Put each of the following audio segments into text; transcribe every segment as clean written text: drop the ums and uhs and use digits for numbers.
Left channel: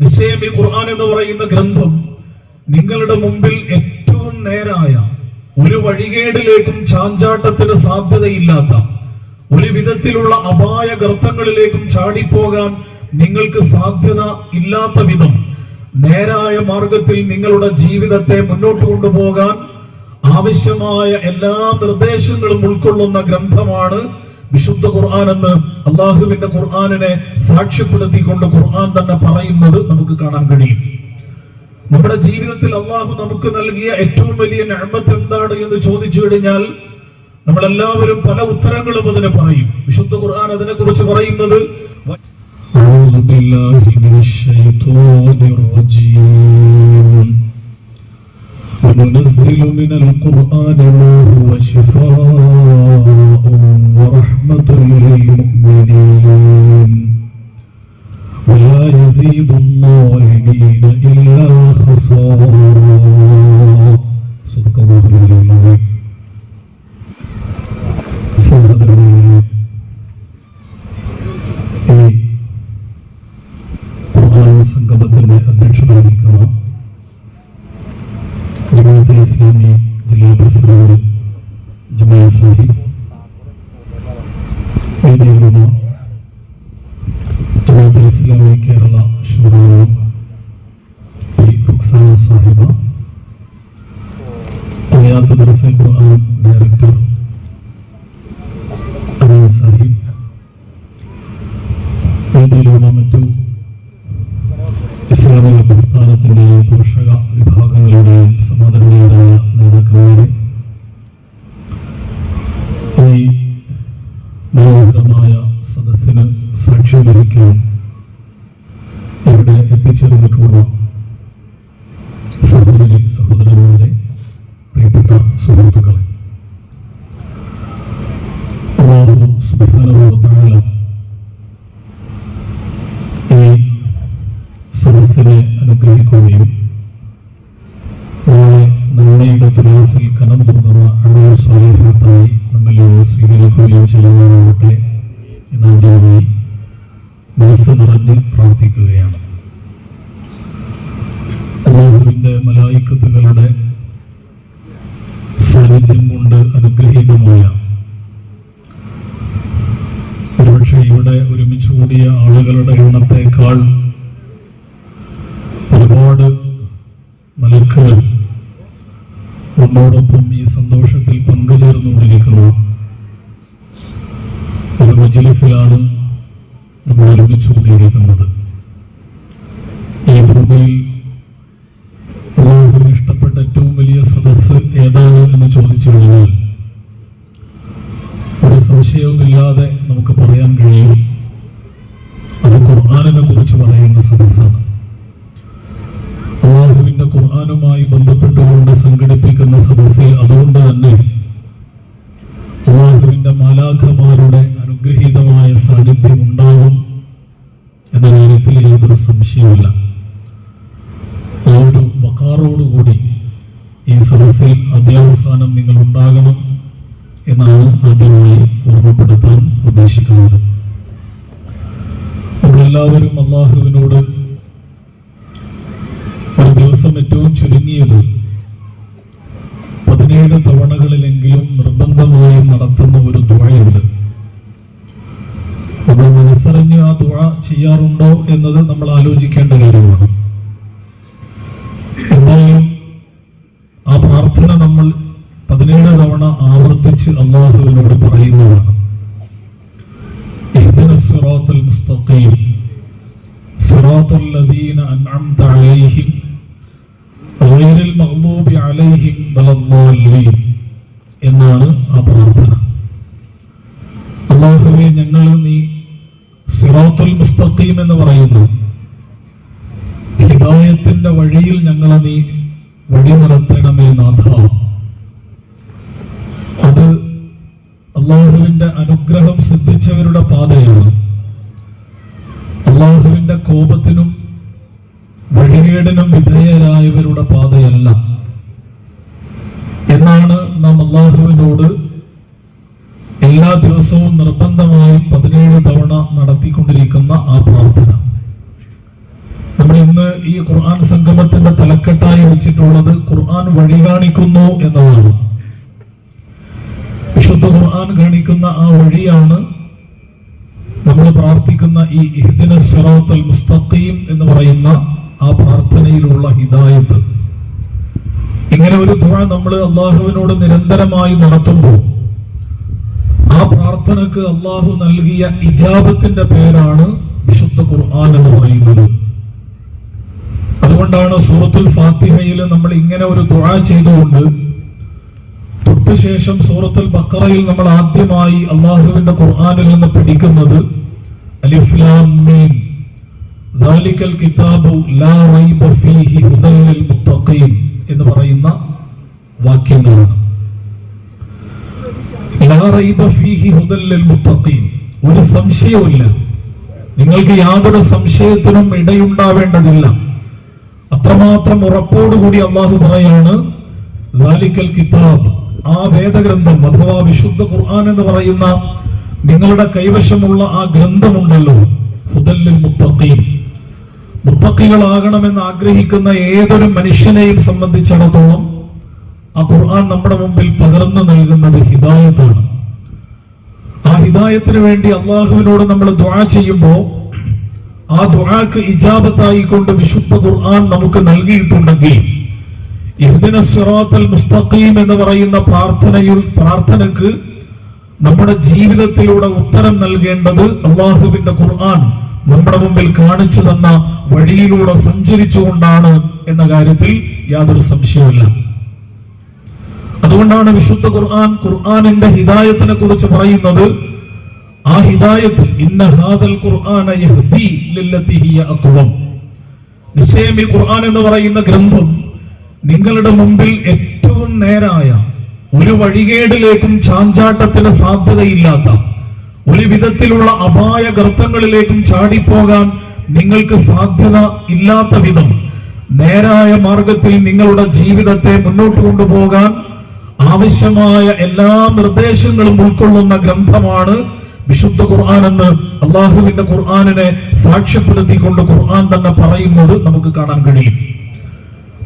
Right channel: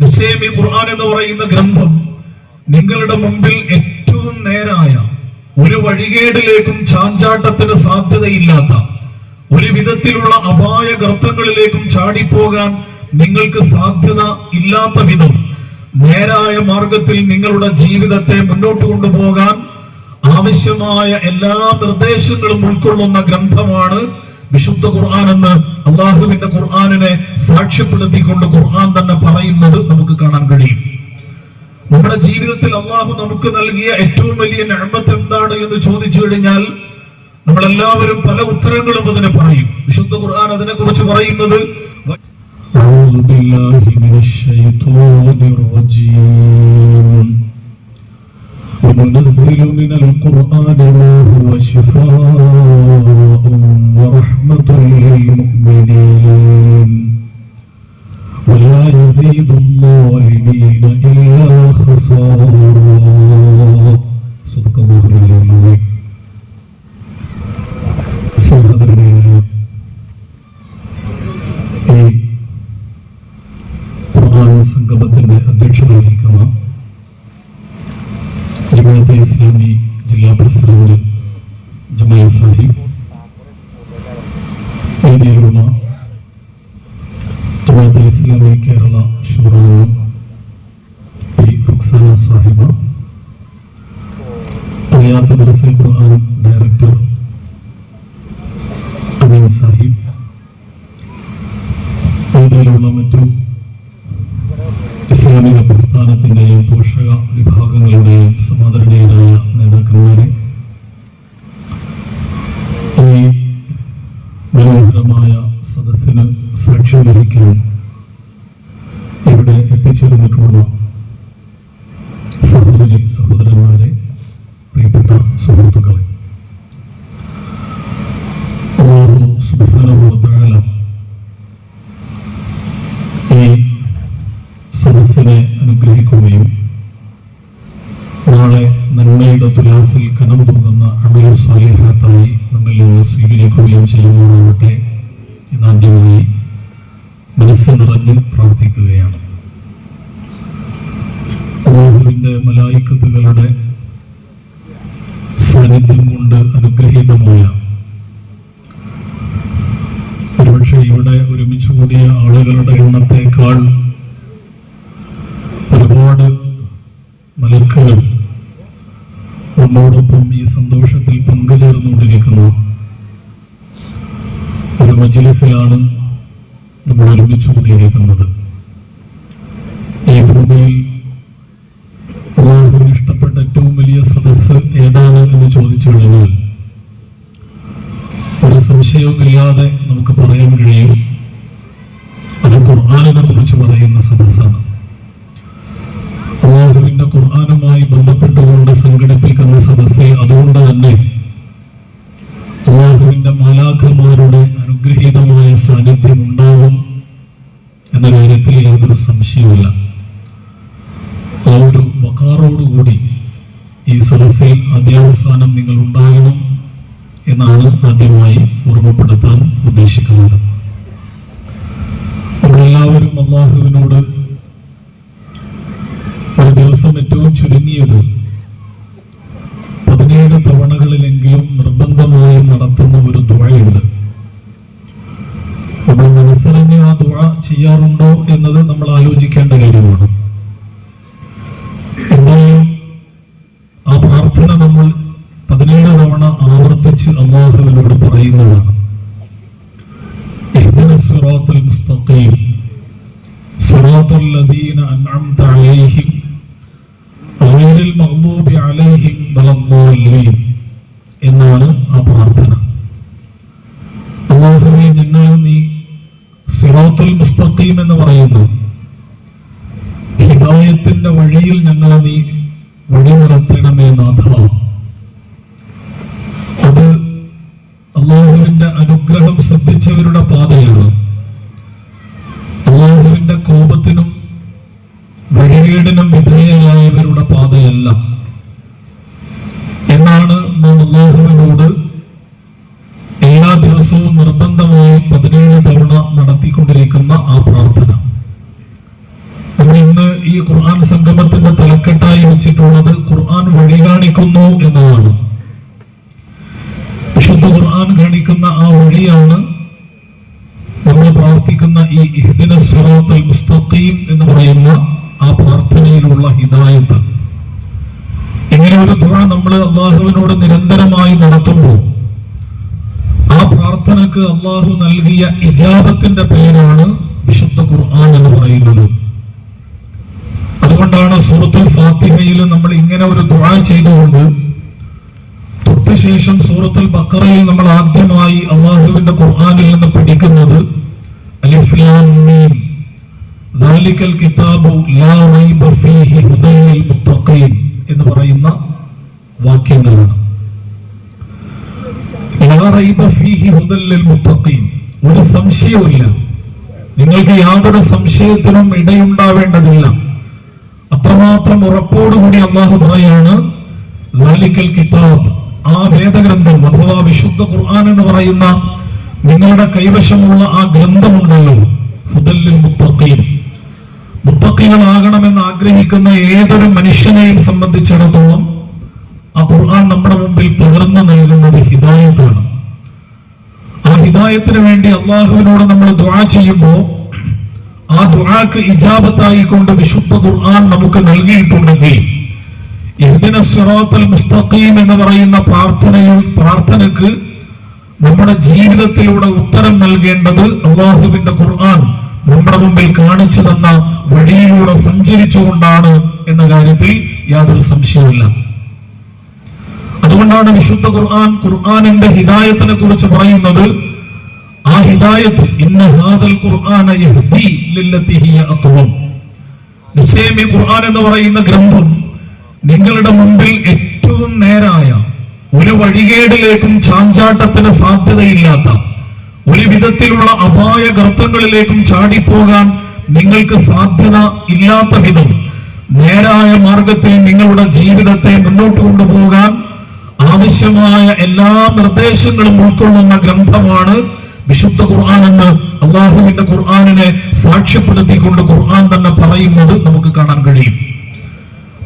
നിശ്ചയം ഈ ഖുർആൻ എന്ന് പറയുന്ന ഗ്രന്ഥം നിങ്ങളുടെ മുമ്പിൽ ഏറ്റവും നേരായ, ഒരു വഴികേടിലേക്കും ചാഞ്ചാട്ടത്തിന് സാധ്യതയില്ലാത്ത, ഒരു വിധത്തിലുള്ള അപായ ഗർത്തങ്ങളിലേക്കും ചാടിപ്പോകാൻ നിങ്ങൾക്ക് സാധ്യത ഇല്ലാത്ത വിധം നേരായ മാർഗത്തിൽ നിങ്ങളുടെ ജീവിതത്തെ മുന്നോട്ട് കൊണ്ടുപോകാൻ ആവശ്യമായ എല്ലാ നിർദ്ദേശങ്ങളും ഉൾക്കൊള്ളുന്ന ഗ്രന്ഥമാണ് വിശുദ്ധ ഖുർആൻ എന്ന് അള്ളാഹുവിന്റെ ഖുർആനിനെ സാക്ഷ്യപ്പെടുത്തിക്കൊണ്ട് ഖുർആൻ തന്നെ പറയുന്നത് നമുക്ക് കാണാൻ കഴിയും. നമ്മുടെ ജീവിതത്തിൽ അള്ളാഹു നമുക്ക് നൽകിയ ഏറ്റവും വലിയ നിഅമത്ത് എന്താണ് എന്ന് ചോദിച്ചു കഴിഞ്ഞാൽ നമ്മളെല്ലാവരും പല ഉത്തരങ്ങളും അതിനെ പറയും. വിശുദ്ധ ഖുർആൻ അതിനെ കുറിച്ച് പറയുന്നത് وننزل من القرآن ما هو شفاء ورحمة للمؤمنين ولا يزيد الظالمين إلا خسارا. صدق الله العظيم. സംഗമത്തിന്റെ അധ്യക്ഷത വഹിക്കുന്ന ജമാഅത്തെ ഇസ്ലാമി ജില്ലാ പ്രസിഡന്റ് ജമാൽ സാഹിബ്, വേദിയിലുള്ള ജമാഅത്തെ ഇസ്ലാമി കേരള ഷൂറ റുക്സാന സാഹിബ, ഹയാത്ത് ദർസുൽ ഖുർആൻ ഡയറക്ടർ അമീൻ സാഹിബ്, വേദിയിലുള്ള മറ്റു ഇസ്ലാമിക പ്രസ്ഥാനത്തിന്റെയും പോഷക വിഭാഗങ്ങളുടെയും സമാദരണീയരായ നേതാക്കന്മാരെ, ഈ മനോഹരമായ സദസ്സിന് സാക്ഷ്യം വഹിക്കാൻ ഇവിടെ എത്തിച്ചേർന്നിട്ടുള്ള സഹോദരി സഹോദരന്മാരെ, പ്രിയപ്പെട്ട സുഹൃത്തുക്കളെ, അല്ലാഹു സുബ്ഹാനഹു വ തആല ഈ സദസ്സിനെ അനുഗ്രഹിക്കുകയും നാളെ നന്മയുടെ തുലാസിൽ കനം തൂങ്ങുന്ന അമൽ സ്വാലിഹാത്തായി നമ്മിൽ നിന്ന് സ്വീകരിക്കുകയും ചെയ്യുന്നതാവട്ടെ എന്നാദ്യമായി മനസ്സ് നിറഞ്ഞ് പ്രാർത്ഥിക്കുകയാണ്. അല്ലാഹുവിന്റെ മലായിക്കത്തുകളുടെ സാന്നിധ്യം കൊണ്ട് അനുഗ്രഹീതമായ, ഒരുപക്ഷെ ഇവിടെ ഒരുമിച്ച് കൂടിയ ആളുകളുടെ എണ്ണത്തെക്കാൾ ഒരുപാട് മലക്കുകൾ നമ്മോടൊപ്പം ഈ സന്തോഷത്തിൽ പങ്കുചേർന്നുകൊണ്ടിരിക്കുന്ന ഒരു മജ്‌ലിസിലാണ് നമ്മൾ ഒരുമിച്ചുകൂടിയിരിക്കുന്നത്. ഈ ഭൂമിയിൽ അല്ലാഹുവിന് ഇഷ്ടപ്പെട്ട ഏറ്റവും വലിയ സദസ്സ് ഏതാണ് എന്ന് ചോദിച്ചു കഴിഞ്ഞാൽ ഒരു സംശയവുമില്ലാതെ നമുക്ക് പറയാൻ കഴിയും, അത് ഖുർആനിനെ കുറിച്ച് പറയുന്ന സദസ്സാണ്. അല്ലാഹുവിന്റെ ഖുർആനുമായി ബന്ധപ്പെട്ടുകൊണ്ട് സംഘടിപ്പിക്കുന്ന സദസ്സിൽ അതുകൊണ്ട് തന്നെ അല്ലാഹുവിന്റെ മാലാഖമാരുടെ അനുഗ്രഹീതമായ സാന്നിധ്യം ഉണ്ടാകും എന്ന കാര്യത്തിൽ യാതൊരു സംശയവുമില്ല. ആ ഒരു വഖാറോടുകൂടി ഈ സദസ്സിൽ അധ്യാവസാനം നിങ്ങൾ ഉണ്ടാകണം എന്നാണ് ആദ്യമായി ഓർമ്മപ്പെടുത്താൻ ഉദ്ദേശിക്കുന്നത്. നമ്മളെല്ലാവരും അല്ലാഹുവിനോട് ഒരു ദിവസം ഏറ്റവും ചുരുങ്ങിയത് 17 തവണകളിലെങ്കിലും നിർബന്ധമായും നടത്തുന്ന ഒരു ദുആയുണ്ട്. നമ്മൾ മനസ്സറിഞ്ഞ് ആ ദുആ ചെയ്യാറുണ്ടോ എന്നത് നമ്മൾ ആലോചിക്കേണ്ട കാര്യമാണ്. എന്തായാലും ആ പ്രാർത്ഥന നമ്മൾ 17 തവണ ആവർത്തിച്ച് അല്ലാഹുവിനോട് പറയുന്നതാണ്. ഇഹ്ദിനസ് സിറാത്തൽ മുസ്തഖീം സിറാത്തൽ ലദീന അൻഅംത അലൈഹിം ഗൈറിൽ മഗ്ദൂബി അലൈഹിം വലദ്ദാല്ലീൻ എന്നാണ് ആ പ്രാർത്ഥന. അല്ലാഹുവേ, ഞങ്ങളെ നീ സിറാത്തുൽ മുസ്തഖീം എന്ന് പറയുന്നു ഹിദായത്തിന്റെ വഴിയിൽ ഞങ്ങളെ നീ വഴി നടത്തണമേ നാഥ. അത് അല്ലാഹുവിന്റെ അനുഗ്രഹം ശ്രദ്ധിച്ചവരുടെ പാതയാണ്. അല്ലാഹുവിന്റെ കോപത്തിനും വഴികേടിനും വിധേയരായവരുടെ പാതയല്ല എന്നാണ് നാം അല്ലാഹുവിനോട് എല്ലാ ദിവസവും നിർബന്ധമായും 17 തവണ നടത്തിക്കൊണ്ടിരിക്കുന്ന ആ പ്രാർത്ഥന. നമ്മൾ ഇന്ന് ഖുർആൻ സംഗമത്തിന്റെ തലക്കെട്ടായി വെച്ചിട്ടുള്ളത് ഖുർആൻ വഴി കാണിക്കുന്നു എന്നതാണ്. വിശുദ്ധ ഖുർആൻ കാണിക്കുന്ന ആ വഴിയാണ് നമ്മൾ പ്രാർത്ഥിക്കുന്ന ഈ ഇഹ്ദിനസ് സിറാത്തൽ മുസ്തഖീം എന്ന് പറയുന്ന ആ പ്രാർത്ഥനയിലുള്ള ഹിദായത്ത്. ഇങ്ങനെ ഒരു ദുആ നമ്മൾ അള്ളാഹുവിനോട് നിരന്തരമായി നടത്തുമ്പോൾ ആ പ്രാർത്ഥനക്ക് അള്ളാഹു നൽകിയ ഇജാബത്തിന്റെ പേരാണ് വിശുദ്ധ ഖുർആൻ എന്ന് പറയുന്നത്. അതുകൊണ്ടാണ് സൂറത്തുൽ ഫാത്തിഹയിൽ നമ്മൾ ഇങ്ങനെ ഒരു ദുആ ചെയ്തുകൊണ്ട് തൊട്ടുശേഷം സൂറത്തുൽ ബഖറയിൽ നമ്മൾ ആദ്യമായി അള്ളാഹുവിന്റെ ഖുർആനിൽ നിന്ന് പഠിക്കുന്നത് അലിഫ് ലാം മീം ദാലികൽ കിതാബു ലാ റൈബ ഫീഹി ഹുദൽ ലിൽ മുത്തഖീൻ എന്ന് പറയുന്ന വാക്യങ്ങളാണ്. ലാ റൈബ ഫീഹി ഹുദൽ ലിൽ മുത്തഖീൻ, ഒരു സംശയവുമില്ല, നിങ്ങൾക്ക് യാതൊരു സംശയത്തിനും ഇടയുണ്ടാവേണ്ടതില്ല. അത്രമാത്രം ഉറപ്പോടുകൂടി അള്ളാഹു പറയാണ് ദാലികൽ കിതാബ്, ആ വേദഗ്രന്ഥം അഥവാ വിശുദ്ധ ഖുർആൻ എന്ന് പറയുന്ന നിങ്ങളുടെ കൈവശമുള്ള ആ ഗ്രന്ഥമുണ്ടല്ലോ, ഹുദൽ ലിൽ മുത്തഖീൻ, മുത്തഖീകളാകണമെന്ന് ആഗ്രഹിക്കുന്ന ഏതൊരു മനുഷ്യനെയും സംബന്ധിച്ചിടത്തോളം ആ ഖുർആൻ നമ്മുടെ മുമ്പിൽ പകർന്നു നൽകുന്നത് ഹിദായത്താണ്. ആ ഹിദായത്തിന് വേണ്ടി അള്ളാഹുവിനോട് നമ്മൾ ദുആ ചെയ്യുമ്പോൾ ആ ദുആക്ക് ഇജാബത്തായി കൊണ്ട് വിശുദ്ധ ഖുർആൻ നമുക്ക് നൽകിയിട്ടുണ്ടെങ്കിൽ ഇഹ്ദിനസ് സിറാത്തൽ മുസ്തഖീം എന്ന് പറയുന്ന പ്രാർത്ഥനയ്ക്ക് നമ്മുടെ ജീവിതത്തിലൂടെ ഉത്തരം നൽകേണ്ടത് അള്ളാഹുവിന്റെ ഖുർആൻ നമ്മുടെ മുമ്പിൽ കാണിച്ചു തന്ന വഴിയിലൂടെ സഞ്ചരിച്ചുകൊണ്ടാണ് എന്ന കാര്യത്തിൽ യാതൊരു സംശയവുമില്ല. അതുകൊണ്ടാണ് വിശുദ്ധ ഖുർആനിന്റെ ഹിദായത്തിനെ കുറിച്ച് പറയുന്നത്, ആ ഹിദായത്ത് ഇന്ന ഹാദൽ ഖുർആന യഹ്ദി ലില്ലതി ഹിയ അഖ്വം, നിശ്ചയം ഈ ഖുർആൻ എന്ന് പറയുന്ന ഗ്രന്ഥം നിങ്ങളുടെ മുമ്പിൽ ഏറ്റവും നേരായ, ഒരു വഴികേടിലേക്കും ചാഞ്ചാട്ടത്തിന് സാധ്യതയില്ലാത്ത, ഒരു വിധത്തിലുള്ള അപായ ഗർത്തങ്ങളിലേക്കും ചാടിപ്പോകാൻ നിങ്ങൾക്ക് സാധ്യത ഇല്ലാത്ത വിധം നേരായ മാർഗത്തിൽ നിങ്ങളുടെ ജീവിതത്തെ മുന്നോട്ട് കൊണ്ടുപോകാൻ ആവശ്യമായ എല്ലാ നിർദ്ദേശങ്ങളും ഉൾക്കൊള്ളുന്ന ഗ്രന്ഥമാണ് വിശുദ്ധ ഖുർആൻ എന്ന് അള്ളാഹുവിന്റെ ഖുർആനിനെ സാക്ഷ്യപ്പെടുത്തിക്കൊണ്ട് ഖുർആൻ തന്നെ പറയുന്നത് നമുക്ക് കാണാൻ കഴിയും.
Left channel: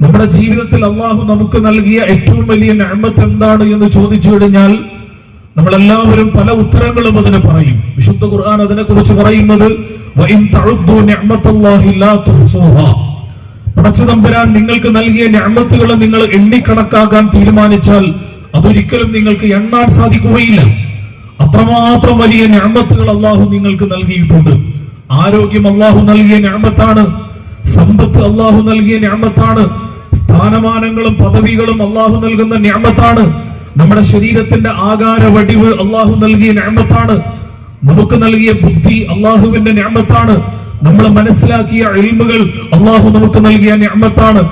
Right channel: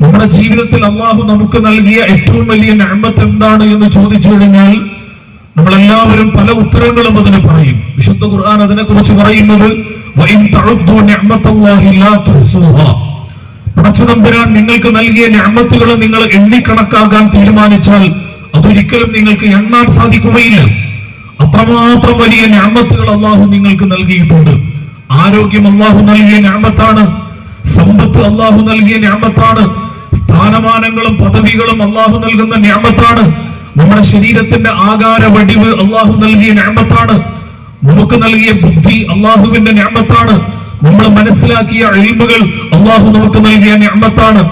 നമ്മുടെ ജീവിതത്തിൽ അള്ളാഹു നമുക്ക് നൽകിയ ഏറ്റവും വലിയ നിഅമത്ത് എന്താണ് എന്ന് ചോദിച്ചു കഴിഞ്ഞാൽ നമ്മളെല്ലാവരും പല ഉത്തരങ്ങളും അതിന് പറയും. വിശുദ്ധ ഖുർആൻ അതിനെ കുറിച്ച് പറയുന്നത് വഇൻ തഉദ്ദു നിഅമത്തല്ലാഹി ലാ തുഹ്സുഹാ, പടച്ചതമ്പുരാൻ നിങ്ങൾക്ക് നൽകിയ നിഅമത്തുകളെ നിങ്ങൾ എണ്ണിക്കണക്കാക്കാൻ തീരുമാനിച്ചാൽ അതൊരിക്കലും നിങ്ങൾക്ക് എണ്ണാൻ സാധിക്കുകയില്ല. അത്രമാത്രം വലിയ നിഅമത്തുകൾ അള്ളാഹു നിങ്ങൾക്ക് നൽകിയിട്ടുണ്ട്. ആരോഗ്യം അള്ളാഹു നൽകിയ നിഅമത്താണ്, സമ്പത്ത് അള്ളാഹു നൽകിയ നിഅമത്താണ്, സ്ഥാനമാനങ്ങളും പദവികളും അള്ളാഹു നൽകുന്ന നിഅമത്താണ്, നമ്മുടെ ശരീരത്തിന്റെ ആകാര വടിവ് അള്ളാഹു നൽകിയ നിഅമത്താണ്, നമുക്ക് നൽകിയ ബുദ്ധി അള്ളാഹുവിന്റെ നിഅമത്താണ്, നമ്മൾ മനസ്സിലാക്കിയ ഇൽമുകൾ അള്ളാഹു നമുക്ക് നൽകിയ നിഅമത്താണ്.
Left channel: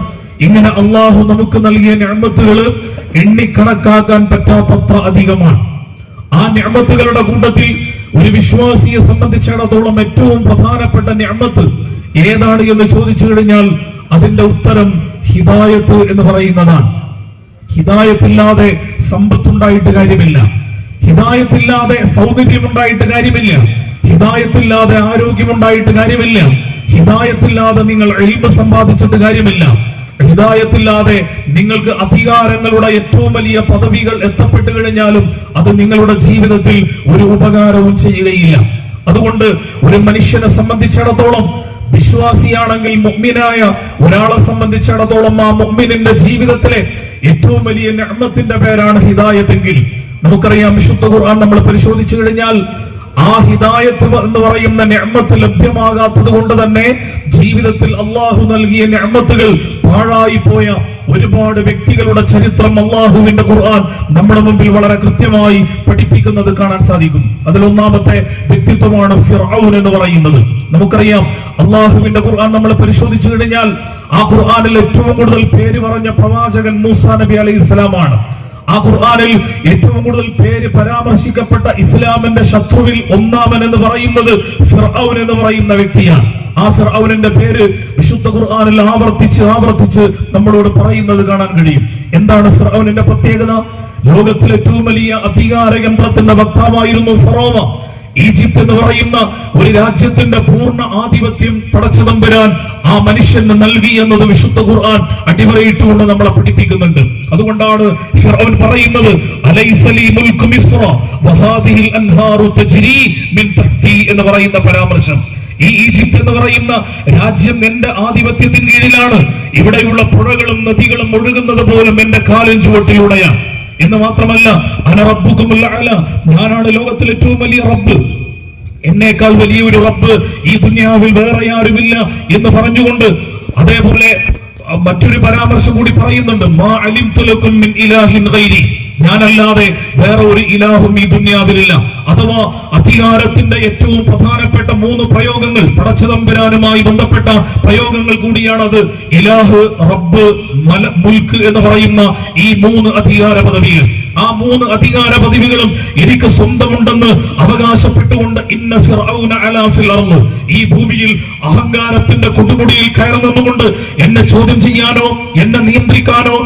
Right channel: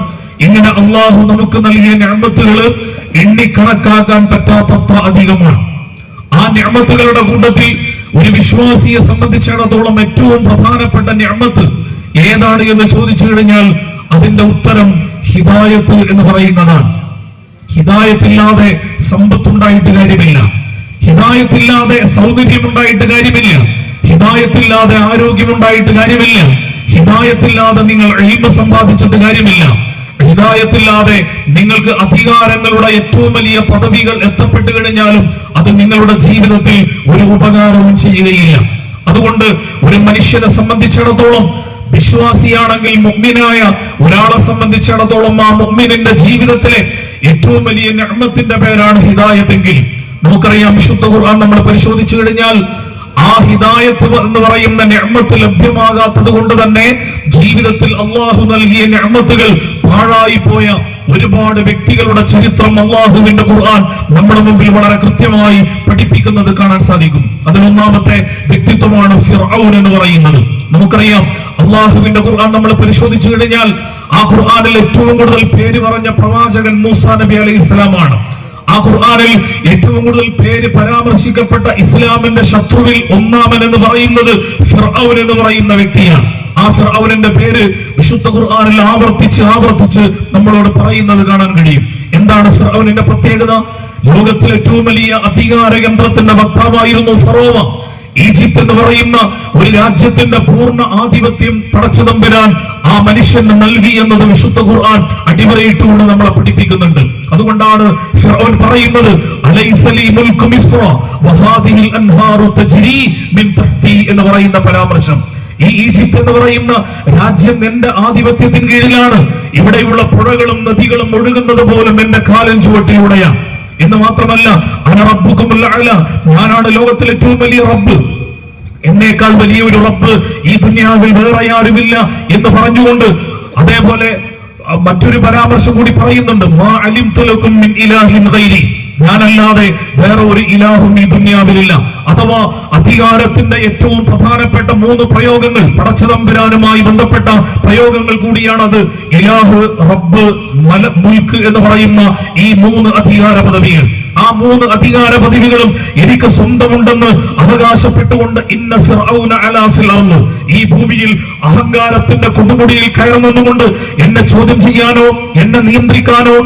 ഇങ്ങനെ അള്ളാഹു നമുക്ക് നൽകിയ നിഅമത്തുകൾ എണ്ണിക്കണക്കാക്കാൻ പറ്റാത്തത്ര അധികമാണ്. ആ നിഅമത്തുകളുടെ കൂട്ടത്തിൽ ഒരു വിശ്വാസിയെ സംബന്ധിച്ചിടത്തോളം ഏറ്റവും പ്രധാനപ്പെട്ട നിഅമത്ത് ഏതാണ് എന്ന് ചോദിച്ചു കഴിഞ്ഞാൽ അതിന്റെ ഉത്തരം ഹിദായത്ത് എന്ന് പറയുന്നതാണ്. ഹിദായത്തില്ലാതെ സമ്പത്തുണ്ടായിട്ട് കാര്യമില്ല, ഹിദായത്തില്ലാതെ സൗകര്യമുണ്ടായിട്ട് കാര്യമില്ല, ഹിദായത്തില്ലാതെ ആരോഗ്യമുണ്ടായിട്ട് കാര്യമില്ല, ഹിദായത്തില്ലാതെ നിങ്ങൾ ഇൽമ് സമ്പാദിച്ചിട്ട് കാര്യമില്ല, ഹിദായത്തില്ലാതെ നിങ്ങൾക്ക് അധികാരങ്ങളുടെ ഏറ്റവും വലിയ പദവികൾ എത്തപ്പെട്ടു കഴിഞ്ഞാലും അത് നിങ്ങളുടെ ജീവിതത്തിൽ ഒരു ഉപകാരവും ചെയ്യുകയില്ല. അതുകൊണ്ട് ഒരു മനുഷ്യനെ സംബന്ധിച്ചിടത്തോളം, വിശ്വാസിയാണെങ്കിൽ മുഅ്മിനായ ഒരാളെ സംബന്ധിച്ചിടത്തോളം ആ മുഅ്മിനിന്റെ ജീവിതത്തിലെ ഏറ്റവും വലിയ നിഅമത്തിന്റെ പേരാണ് ഹിദായത്തെങ്കിൽ നമുക്കറിയാം, വിശുദ്ധ ഖുർആൻ നമ്മൾ പരിശോധിച്ചു കഴിഞ്ഞാൽ ആ ഹിദായത്ത് എന്ന് പറയുന്ന നിഅമത്ത് ലഭ്യമാകാത്തത് കൊണ്ട് തന്നെ ജീവിതത്തിൽ അള്ളാഹു നൽകിയ നിഅമത്തുകൾ പാഴായി പോയ ഒരുപാട് വ്യക്തികളുടെ ചരിത്രം അള്ളാഹുവിന്റെ ഖുർആൻ നമ്മുടെ മുമ്പിൽ വളരെ കൃത്യമായി പഠിപ്പിക്കുന്നത് കാണാൻ സാധിക്കും. അതിലൊന്നാമത്തെ വ്യക്തിത്വമാണ് ഫിർഔൻ എന്ന് പറയുന്നത്. നമുക്കറിയാം, അള്ളാഹുവിന്റെ ഖുർആൻ നമ്മൾ പരിശോധിച്ചു കഴിഞ്ഞാൽ ആ ഖുർആനിൽ ഏറ്റവും കൂടുതൽ പേര് പറഞ്ഞ പ്രവാചകൻ മൂസാ നബി അലൈഹിസ്സലാമാണ്. ആ ഖുർആനിൽ ഏറ്റവും കൂടുതൽ പേര് പരാമർശിക്കപ്പെട്ട ഇസ്ലാമിന്റെ ശത്രുവിൽ ഒന്നാമൻ എന്ന് പറയുന്നത് ഫിർഔൻ എന്ന് പറയുന്ന വ്യക്തിയാണ്. ആ ഫിർഔനിന്റെ പേര് വിശുദ്ധ ഖുർആനിൽ ആവർത്തിച്ച് നമ്മളോട് പറയുന്നത് കാണാൻ കഴിയും. എന്താണ് ഫിർഔനിന്റെ പ്രത്യേകത? ലോകത്തിലെ ഏറ്റവും വലിയ അധികാര യന്ത്രത്തിന്റെ വക്താവായിരുന്നു ഫറോവ. ഈജിപ്ത് എന്ന് പറയുന്ന ഒരു രാജ്യത്തിന്റെ പൂർണ്ണ ആധിപത്യം പടച്ചതമ്പുരാൻ ആ മനുഷ്യന് നൽകി എന്നത് വിശുദ്ധ ഖുർആൻ അടിവരയിട്ടുകൊണ്ട് നമ്മളെ പഠിപ്പിക്കുന്നുണ്ട്. അതുകൊണ്ടാണ് ഫിർഔൻ പറയുന്നത് അലൈസ ലീ മുൽക്കു മിസ്ര വഹാദിഹിൽ അൻഹാറു തജ്രി മിൻ തഹ്തി എന്ന് പറയുന്ന പരാമർശം. ഈ ഈജിപ്ത് എന്ന് പറയുന്ന രാജ്യം എന്റെ ആധിപത്യത്തിന് കീഴിലാണ്. ഇവിടെയുള്ള പുഴകളും നദികളും ഒഴുകുന്നത് പോലും എന്റെ കാലിൻ ചുവട്ടിലൂടെയാണ് എന്ന് മാത്രമല്ല, അന റബ്ബുകുമുൽ അഅല, ഞാനാണ് ലോകത്തിലെ ഏറ്റവും വലിയ റബ്ബ്, എന്നേക്കാൾ വലിയൊരു റബ്ബ് ഈ ദുനിയാവിൽ വേറെ ആരുമില്ല എന്ന് പറഞ്ഞുകൊണ്ട് അതേപോലെ മറ്റൊരു പരാമർശം കൂടി പറയുന്നുണ്ട്, മാ അലിംതു ലക്കും മിൻ ഇലാഹിൻ ഗൈരി, ഞാനല്ലാതെ വേറെ ഒരു ഇലാഹും ഈ ദുനിയാവിലില്ല. അഥവാ അധികാരത്തിന്റെ ഏറ്റവും പ്രധാനപ്പെട്ട 3 പ്രയോഗങ്ങൾ, പടച്ചതമ്പുരാനുമായി ബന്ധപ്പെട്ട പ്രയോഗങ്ങൾ കൂടിയാണത്. ഇലാഹ്, റബ്ബ്, മുൽക്ക് എന്ന് പറയുന്ന ഈ 3 അധികാര പദവികൾ. ആ 3 അധികാര പദവികളും എനിക്ക് സ്വന്തമുണ്ടെന്ന് അവകാശപ്പെട്ടുകൊണ്ട് ഇന്ന ഫിർഔന അലാ ഫിൽ അർള്, ഈ ഭൂമിയിൽ അഹങ്കാരത്തിന്റെ കൊടുമുടിയിൽ കയറി നിന്നുകൊണ്ട് എന്നെ ചോദ്യം ചെയ്യാനോ എന്നെ നിയന്ത്രിക്കാനോ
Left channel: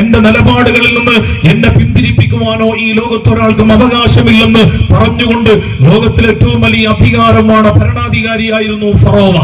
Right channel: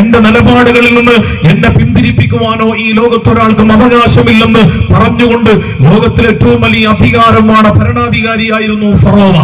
എന്റെ നിലപാടുകളിൽ നിന്ന് എന്നെ പിന്തിരിപ്പിക്കുവാനോ ഈ ലോകത്തൊരാൾക്കും അവകാശമില്ലെന്ന് പറഞ്ഞുകൊണ്ട് ലോകത്തിലെ ഏറ്റവും വലിയ അധികാരമാണ് ഭരണാധികാരിയായിരുന്നു ഫറോവ.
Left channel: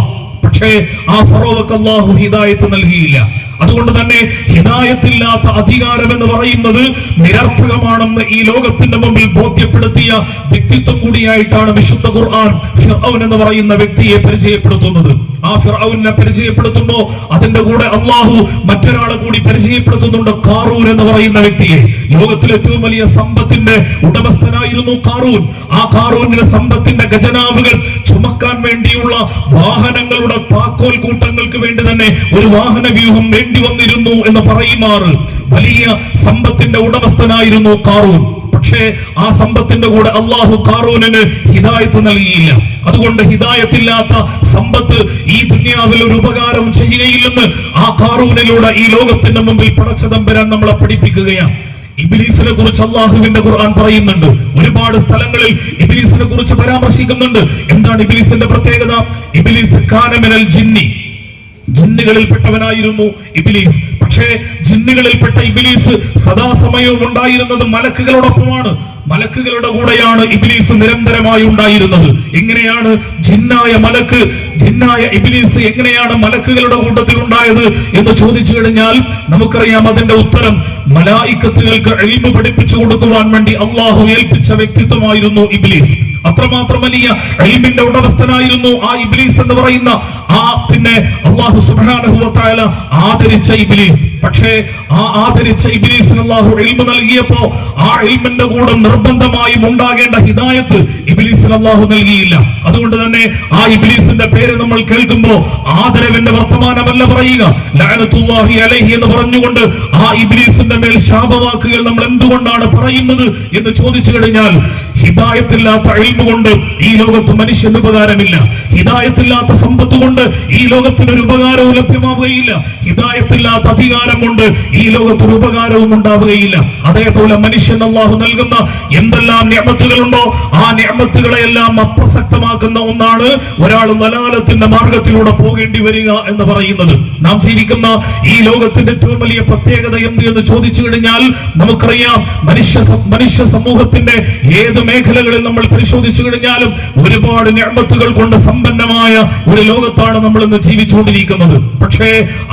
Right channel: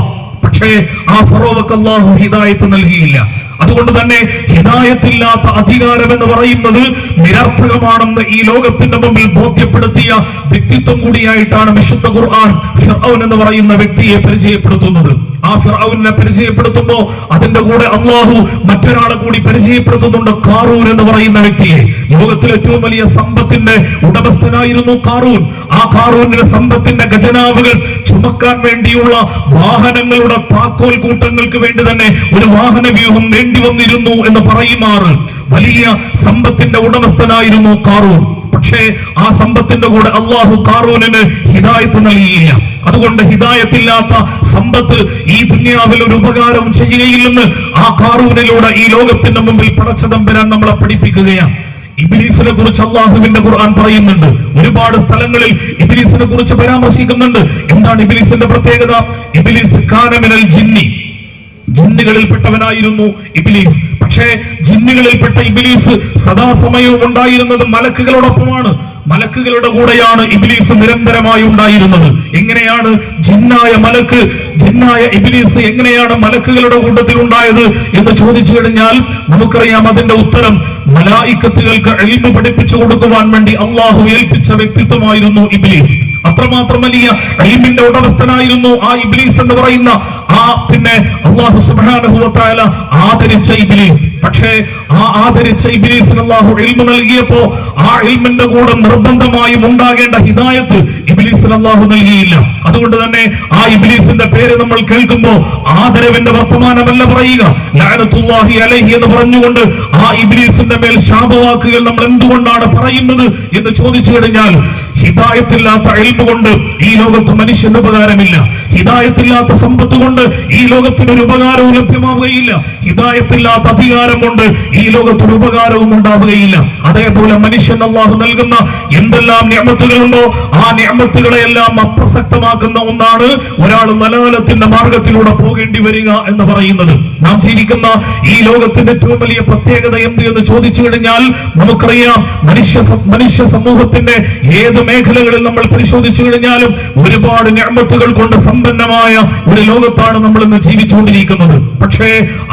പക്ഷേ ആ ഫറോവക്ക് അല്ലാഹു ഹിദായത്ത് നൽകിയില്ല. അതുകൊണ്ട് തന്നെ ഹിദായത്തില്ലാത്ത അധികാരം എന്ന് പറയുന്നത് നിരർത്ഥകമാണെന്ന് ഈ ലോകത്തിന്റെ മുമ്പിൽ ബോധ്യപ്പെടുത്തിയ വ്യക്തിത്വം കൂടിയായിട്ടാണ് വിശുദ്ധ ഖുർആൻ ഫിർഔൻ എന്ന് പറയുന്ന വ്യക്തിയെ പരിചയപ്പെടുത്തുന്നത്. ആ ഫിർഔനെ പരിചയപ്പെടുത്തുമ്പോൾ അതിന്റെ കൂടെ അല്ലാഹു മറ്റൊരാളെ കൂടി പരിചയപ്പെടുത്തുന്നുണ്ട്, ഖാറൂൻ എന്ന് പറയുന്ന വ്യക്തിയെ. ലോകത്തിലെ ഏറ്റവും വലിയ സമ്പത്തിന്റെ ഉടമസ്ഥനായിരുന്നു ഖാറൂൻ. ആ ഖാറൂനിന്റെ സമ്പത്തിന്റെ ഖജനാവുകൾ ചുമക്കാൻ വേണ്ടിയുള്ള വാഹനങ്ങളുടെ താക്കോൽ കൂട്ടങ്ങൾക്ക് വേണ്ടി തന്നെ ഒരു വാഹന വ്യൂഹം വേണ്ടി വന്നിരുന്നു എന്ന് പറയുമാറ് വലിയ സമ്പത്തിന്റെ ഉടമസ്ഥനായിരുന്നു ഖാറൂൻ. പക്ഷേ ആ സമ്പത്തിന്റെ കൂടെ അല്ലാഹു ഖാറൂനിന് ഹിദായത്ത് നൽകിയില്ല. അതുകൊണ്ട് ഹിദായത്തില്ലാത്ത സമ്പത്ത് ഈ ദുനിയാവിൽ ഒരു ഉപകാരവും ചെയ്യുകയില്ലെന്ന് ആ ഖാറൂനിലൂടെ ഈ ലോകത്തിന്റെ മുമ്പിൽ പടച്ചതമ്പുരാൻ നമ്മളെ പഠിപ്പിക്കുകയാണ്. ഇബ്ലീസിനെ കുറിച്ച് അല്ലാഹുവിന്റെ ഖുർആൻ പറയുന്നുണ്ട്. ഒരുപാട് സ്ഥലങ്ങളിൽ ഇബ്ലീസിനെ കുറിച്ച് പരാമർശിക്കുന്നുണ്ട്. എന്താണ് ഇബ്ലീസിന്റെ പ്രത്യേകത? ഇബ്ലീസ് കാന മിനൽ ജിന്നി, ജിന്നുകളിൽപ്പെട്ടവനായിരുന്നു ഇബ്ലീസ്. പക്ഷേ ജിന്നുകളിൽപ്പെട്ട ഇബ്ലീസ് സദാസമയവും ഉണ്ടായിരുന്നത് മലക്കുകളോടൊപ്പമാണ്. മലക്കുകളുടെ കൂടെയാണ് ഇബ്ലീസ് നിരന്തരമായി ഉണ്ടായിരുന്നത്. എങ്ങനെയാണ് ജിന്നായ ഇബ്ലീസ് എങ്ങനെയാണ് മലക്കുകളുടെ കൂട്ടത്തിൽ ഉണ്ടായത് എന്ന് ചോദിച്ചു കഴിഞ്ഞാൽ നമുക്കറിയാം അതിന്റെ ഉത്തരം. മലായിക്കത്തുകൾക്ക് ഇൽമു പഠിപ്പിച്ചു കൊടുക്കുവാൻ വേണ്ടി അല്ലാഹു ഏൽപ്പിച്ച വ്യക്തിത്വമായിരുന്നു ഇബ്ലീസ്. അത്രമാത്രം വലിയ ഇൽമിന്റെ ഉടമസ്ഥനായിരുന്നു ആ ഇബ്ലീസ് എന്ന് പറയുന്ന അല്ലാഹു സുബ്ഹാനഹു വ തആല ആദരിച്ച ഇബ്ലീസ്. പക്ഷേ ആ ആദരിച്ച ഇബ്ലീസിന് അല്ലാഹു ഇൽമു നൽകിയപ്പോ ആ ഇൽമിന്റെ കൂടെ നിർബന്ധമായും ഉണ്ടാകേണ്ട ഹിദായത്ത് ഇബ്ലീസിന് അല്ലാഹു നൽകിയില്ല. അതുകൊണ്ട് തന്നെ ആ ഇബ്ലീസിന്റെ പേര് നമ്മൾ കേൾക്കുമ്പോൾ ആദരവിന്റെ വർത്തമാനമല്ല പറയുക, ലഅനത്തുല്ലാഹി അലൈഹി എന്ന് പറഞ്ഞുകൊണ്ട് ആ ഇബ്ലീസിന്റെ മേൽ ശാപവാക്കുകൾ നമ്മൾ എന്തുകൊണ്ടാണ് പറയുന്നത് എന്ന് ചോദിച്ചു കഴിഞ്ഞാൽ, ഹിദായത്തില്ലാത്ത ഇൽമു കൊണ്ട് ഈ ലോകത്ത് മനുഷ്യന് ഉപകാരമില്ല. ഹിദായത്തില്ലാത്ത സമ്പത്ത് കൊണ്ട് ഈ ലോകത്തിന് ഒരു ഉപകാരവും ലഭ്യമാവുകയില്ല. ഹിദായത്തില്ലാത്ത അധികാരം കൊണ്ട് ഈ ലോകത്തിന് ഉപകാരവും ഉണ്ടാവുകയില്ല. അതേപോലെ മനുഷ്യൻ അല്ലാഹു നൽകുന്ന എന്തെല്ലാം നിഅമത്തുകളുണ്ടോ ആ നിഅമത്തുകളെല്ലാം അപ്രസക്തമാക്കുന്ന ഒന്നാണ് ഒരാൾ ദലാലത്തിന്റെ മാർഗത്തിലൂടെ പോകേണ്ടി വരിക എന്ന് പറയുന്നത്. നാം ജീവിക്കുന്ന ഈ ലോകത്തിന്റെ ഏറ്റവും വലിയ പ്രത്യേകത എന്ത് എന്ന് ചോദിച്ചു കഴിഞ്ഞാൽ നമുക്കറിയാം, മനുഷ്യ സമൂഹത്തിന്റെ ഏത് മേഖലകളിൽ നമ്മൾ പരിശോധിച്ചു കഴിഞ്ഞാലും ഒരുപാട് നിഅമത്തുകൾ കൊണ്ട് സമ്പന്നമായ ഒരു ലോകത്താണ് നമ്മൾ ഇന്ന് ജീവിച്ചുകൊണ്ടിരിക്കുന്നത്. പക്ഷേ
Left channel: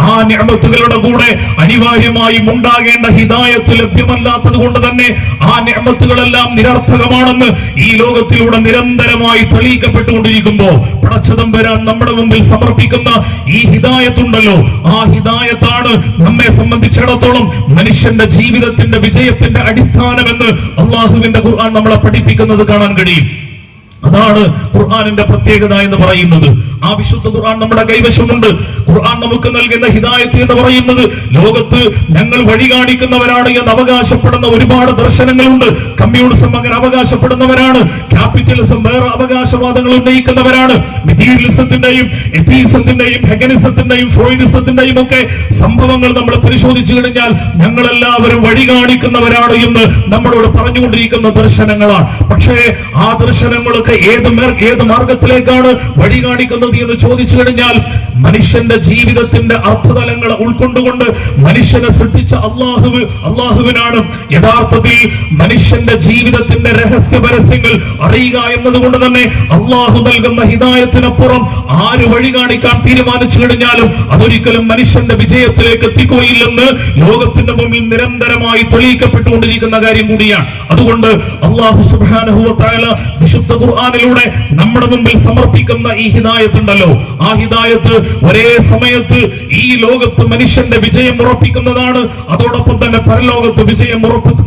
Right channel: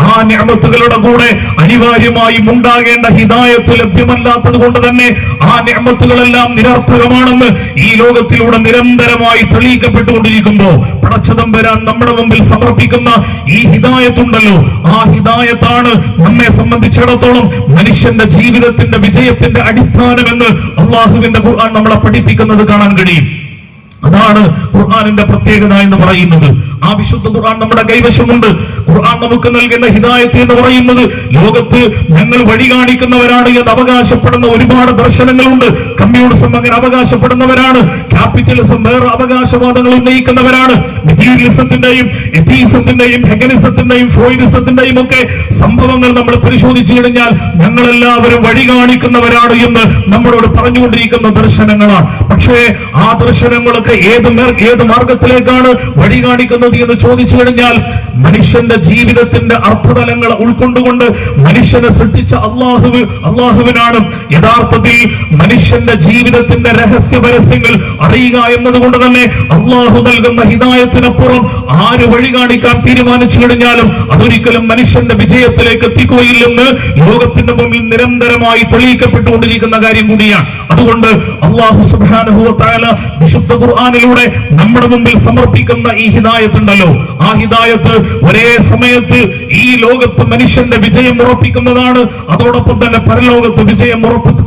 ആ നിഅമത്തുകളുടെ കൂടെ അനിവാര്യമായും ഉണ്ടാകേണ്ട ഹിദായത്ത് ലഭ്യമല്ലാത്തത് കൊണ്ട് തന്നെ ആ നിഅമത്തുകളെല്ലാം നിരർത്ഥകമാണെന്ന് ഈ ലോകത്തിലൂടെ നിരന്തരമായി തെളിയിക്കപ്പെട്ടുകൊണ്ടിരിക്കുമ്പോ പടച്ചതമ്പുരാൻ നമ്മുടെ മുമ്പിൽ സമർപ്പിക്കുന്ന ഈ ഹിദായത്തുണ്ടല്ലോ, ആ ഹിദായത്താണ് നമ്മെ സംബന്ധിച്ചിടത്തോളം മനുഷ്യന്റെ ജീവിതത്തിന്റെ വിജയത്തിന്റെ അടിസ്ഥാനമെന്ന് അല്ലാഹുവിന്റെ ഖുർആൻ നമ്മളെ പഠിപ്പിക്കുന്നത് കാണാൻ കഴിയും. അതാണ് ഖുർആനിന്റെ പ്രത്യേകത എന്ന് പറയുന്നത്. ആ വിശുദ്ധ ഖുർആൻ നമ്മുടെ കൈവശമുണ്ട്. ഖുർആൻ നമുക്ക് നൽകുന്ന ഹിദായത്ത് എന്ന് പറയുന്നത് ലോകത്ത് ഞങ്ങൾ വഴി കാണിക്കുന്നവരാണ് എന്ന് അവകാശപ്പെടുന്ന ഒരുപാട് ദർശനങ്ങളുണ്ട്. കമ്മ്യൂണിസം അങ്ങനെ അവകാശപ്പെടുന്നവരാണ്, ക്യാപിറ്റലിസം വേറെ അവകാശവാദങ്ങൾ ഉന്നയിക്കുന്നവരാണ്. മെറ്റീരിയലിസത്തിന്റെയും എത്തീസത്തിന്റെയും ഹെഗനിസത്തിന്റെയും ഫ്രോയിഡിസത്തിന്റെയും ഒക്കെ സംഭവങ്ങൾ നമ്മൾ പരിശോധിച്ചു കഴിഞ്ഞാൽ ഞങ്ങളെല്ലാവരും വഴി കാണിക്കുന്നവരാണ് എന്ന് നമ്മളോട് പറഞ്ഞുകൊണ്ടിരിക്കുന്ന ദർശനങ്ങളാണ്. പക്ഷേ ആ ദർശനങ്ങളൊക്കെ ഏത് മാർഗത്തിലേക്കാണ് വഴി കാണിക്കുന്നത് എന്ന് ചോദിച്ചു കഴിഞ്ഞാൽ മനുഷ്യന്റെ ജീവിതത്തിന്റെ അർത്ഥതലങ്ങളെ ഉൾക്കൊണ്ടുകൊണ്ട് മനുഷ്യനെ സൃഷ്ടിച്ച അള്ളാഹുവിനാണ് യഥാർത്ഥത്തിൽ മനുഷ്യന്റെ ജീവിതത്തിന്റെ രഹസ്യ പരസ്യങ്ങൾ അറിയുക എന്നതുകൊണ്ട് തന്നെ അള്ളാഹു നൽകുന്ന ഹിദായത്തിനപ്പുറം ആര് വഴി കാണിക്കാൻ തീരുമാനിച്ചു കഴിഞ്ഞാലും അതൊരിക്കലും മനുഷ്യന്റെ വിജയത്തിലേക്ക് എത്തിക്കുകയില്ലെന്ന് ലോകത്തിന്റെ മുമ്പിൽ നിരന്തരമായി തെളിയിക്കപ്പെട്ടുകൊണ്ടിരിക്കുന്ന കാര്യം കൂടിയാണ്. അതുകൊണ്ട് അല്ലാഹു സുബ്ഹാനഹു വ തആല വിശുദ്ധ ഖുർആനിലൂടെ നമ്മുടെ മുമ്പിൽ സമർപ്പിക്കുന്ന ഈ ഹിദായത്ത് ഉണ്ടല്ലോ, ആ ഹിദായത്ത് ഒരേ സമയത്ത് ഈ ലോകത്ത് മനുഷ്യന്റെ വിജയം ഉറപ്പിക്കുന്നതാണ്, അതോടൊപ്പം തന്നെ പരലോകത്ത് വിജയം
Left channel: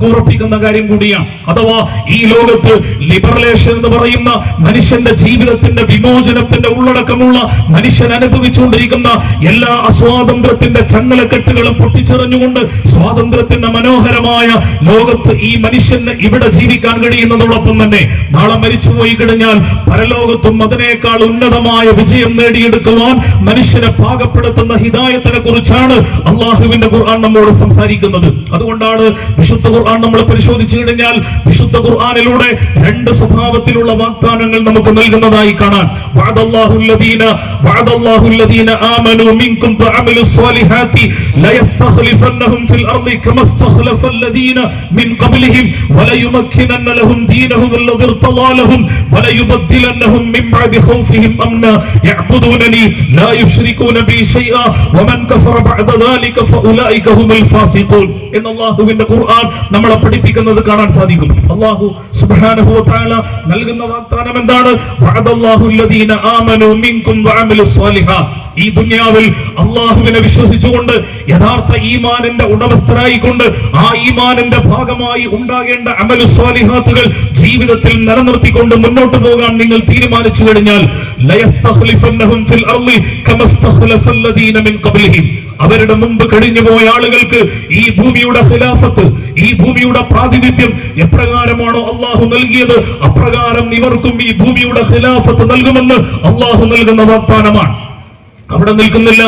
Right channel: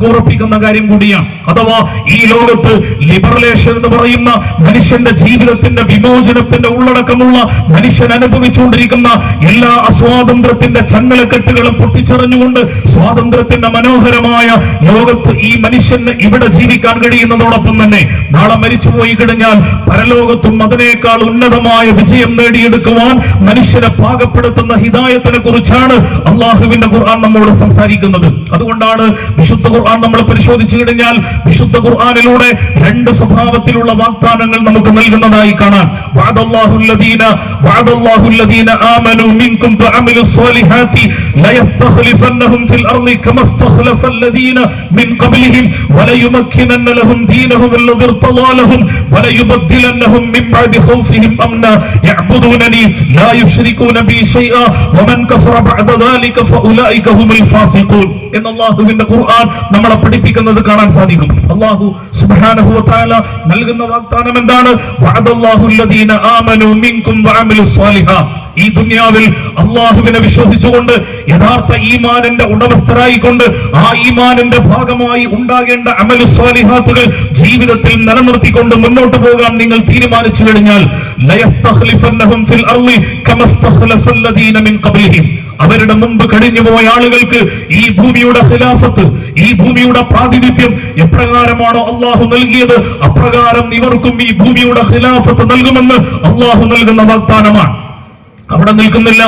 ഉറപ്പിക്കുന്ന കാര്യം കൂടിയാണ്. അഥവാ ഈ ലോകത്ത് ലിബറലേഷൻ എന്ന് പറയുന്ന മനുഷ്യന്റെ ജീവിതത്തിന്റെ വിമോചനത്തിന്റെ ഉള്ളടക്കമുള്ള മനുഷ്യൻ അനുഭവിച്ചുകൊണ്ടിരിക്കുന്ന എല്ലാ അസ്വാതന്ത്ര്യത്തിന്റെ ചങ്ങലക്കെട്ടുകളും പൊട്ടിച്ചെറിഞ്ഞുകൊണ്ട് സ്വാതന്ത്ര്യത്തിന്റെ മനോഹരമായ ലോകത്ത് ഈ മനുഷ്യന് ഇവിടെ ജീവിക്കാൻ കഴിയുന്നതോടൊപ്പം തന്നെ നാളെ മരിച്ചുപോയി കഴിഞ്ഞാൽ പരലോകത്തും അതിനേക്കാൾ ഉന്നതമായ വിജയം നേടിയെടുക്കുവാൻ മനുഷ്യനെ പാകപ്പെടുത്തുന്ന ഹിദായത്തിനെ കുറിച്ചാണ് അള്ളാഹുവിന്റെ ഖുർആൻ നമ്മോട് സംസാരിക്കുന്നത്. അതുകൊണ്ടാണ് വിശുദ്ധ ഖുർആൻ നമ്മൾ പരിശോധിച്ചു കഴിഞ്ഞാൽ വിശുദ്ധ ഖുർആനിലൂടെ രണ്ട് സ്വഭാവത്തിലുള്ള വാഗ്ദാനങ്ങൾ നമുക്ക് നൽകുന്നതായി കാണാൻ. വഅദല്ലാഹുല്ലദീന ആമനൂ മിൻകും വഅമിലുസ് സ്വാലിഹാത്തി ലയസ്തഖ്ലിഫന്നഹും ഫിൽ അർളി കമസ്തഖ്ലഫല്ലദീന മിൻ ഖബ്ലിഹിം വലയുമക്കിനന്ന ലഹും ദീനഹും അല്ലദീ ഇർതദാ ലഹും വലയുബദ്ദിലന്നഹും മിൻ ബഅദി ഖൗഫിഹിം അംനാ യഅബുദൂനനി ലാ യുശ്രികൂന ബി ശൈഅ വമൻ കഫറ ബഅദ ദാലിക ഫഉലൈക ഹുമുൽ ഫാസിഖൂൻ എന്ന് അല്ലാഹുവിന്റെ ഖുർആൻ നമ്മളെ പഠിപ്പിക്കുന്നത് കാണാൻ സാധിക്കും. അല്ലാഹു സുബ്ഹാനഹു വ തആല നൽകുന്ന വാഗ്ദാനം എന്താണ്? വഅദല്ലാഹുല്ലദീന ആമനൂ മിൻകും വഅമിലുസ് സ്വാലിഹാത്ത്. ഈ ദുനിയാവിൽ അള്ളാഹുവിനെ വിശ്വസിച്ചുകൊണ്ട് യഥാർത്ഥ ഈമാനിന്റെ ഉടമസ്ഥരായിക്കൊണ്ട് ആ ഈമാനിന്റെ ഭാഗമായി ഉണ്ടാകേണ്ട അമലു സ്വാലിഹാത്തുകൾ ജീവിതത്തിൽ നിലനിർത്തിക്കൊണ്ട് മുന്നോട്ട് പോകാൻ നിങ്ങൾ തീരുമാനിച്ചു കഴിഞ്ഞാൽ ലയസ്തഖ്ലിഫന്നഹും ഫിൽ അർളി കമസ്തഖ്ലഫല്ലദീന മിൻ ഖബ്ലിഹിം. അവരുടെ മുമ്പ് കഴിഞ്ഞുപോയ ആളുകൾക്ക് ഈ ഭൂമിയുടെ ഖിലാഫത്ത്, ഈ ഭൂമിയുടെ പ്രാതിനിധ്യം എപ്രകാരമാണോ അള്ളാഹു നൽകിയത് അപ്രകാരം ഇവർക്കും ഈ ഭൂമിയുടെ ഖിലാഫത്ത് നൽകുമെന്ന് അള്ളാഹു നൽകുന്ന വാഗ്ദാനമാണ്. അവിടെ നിൽക്കുന്നില്ല.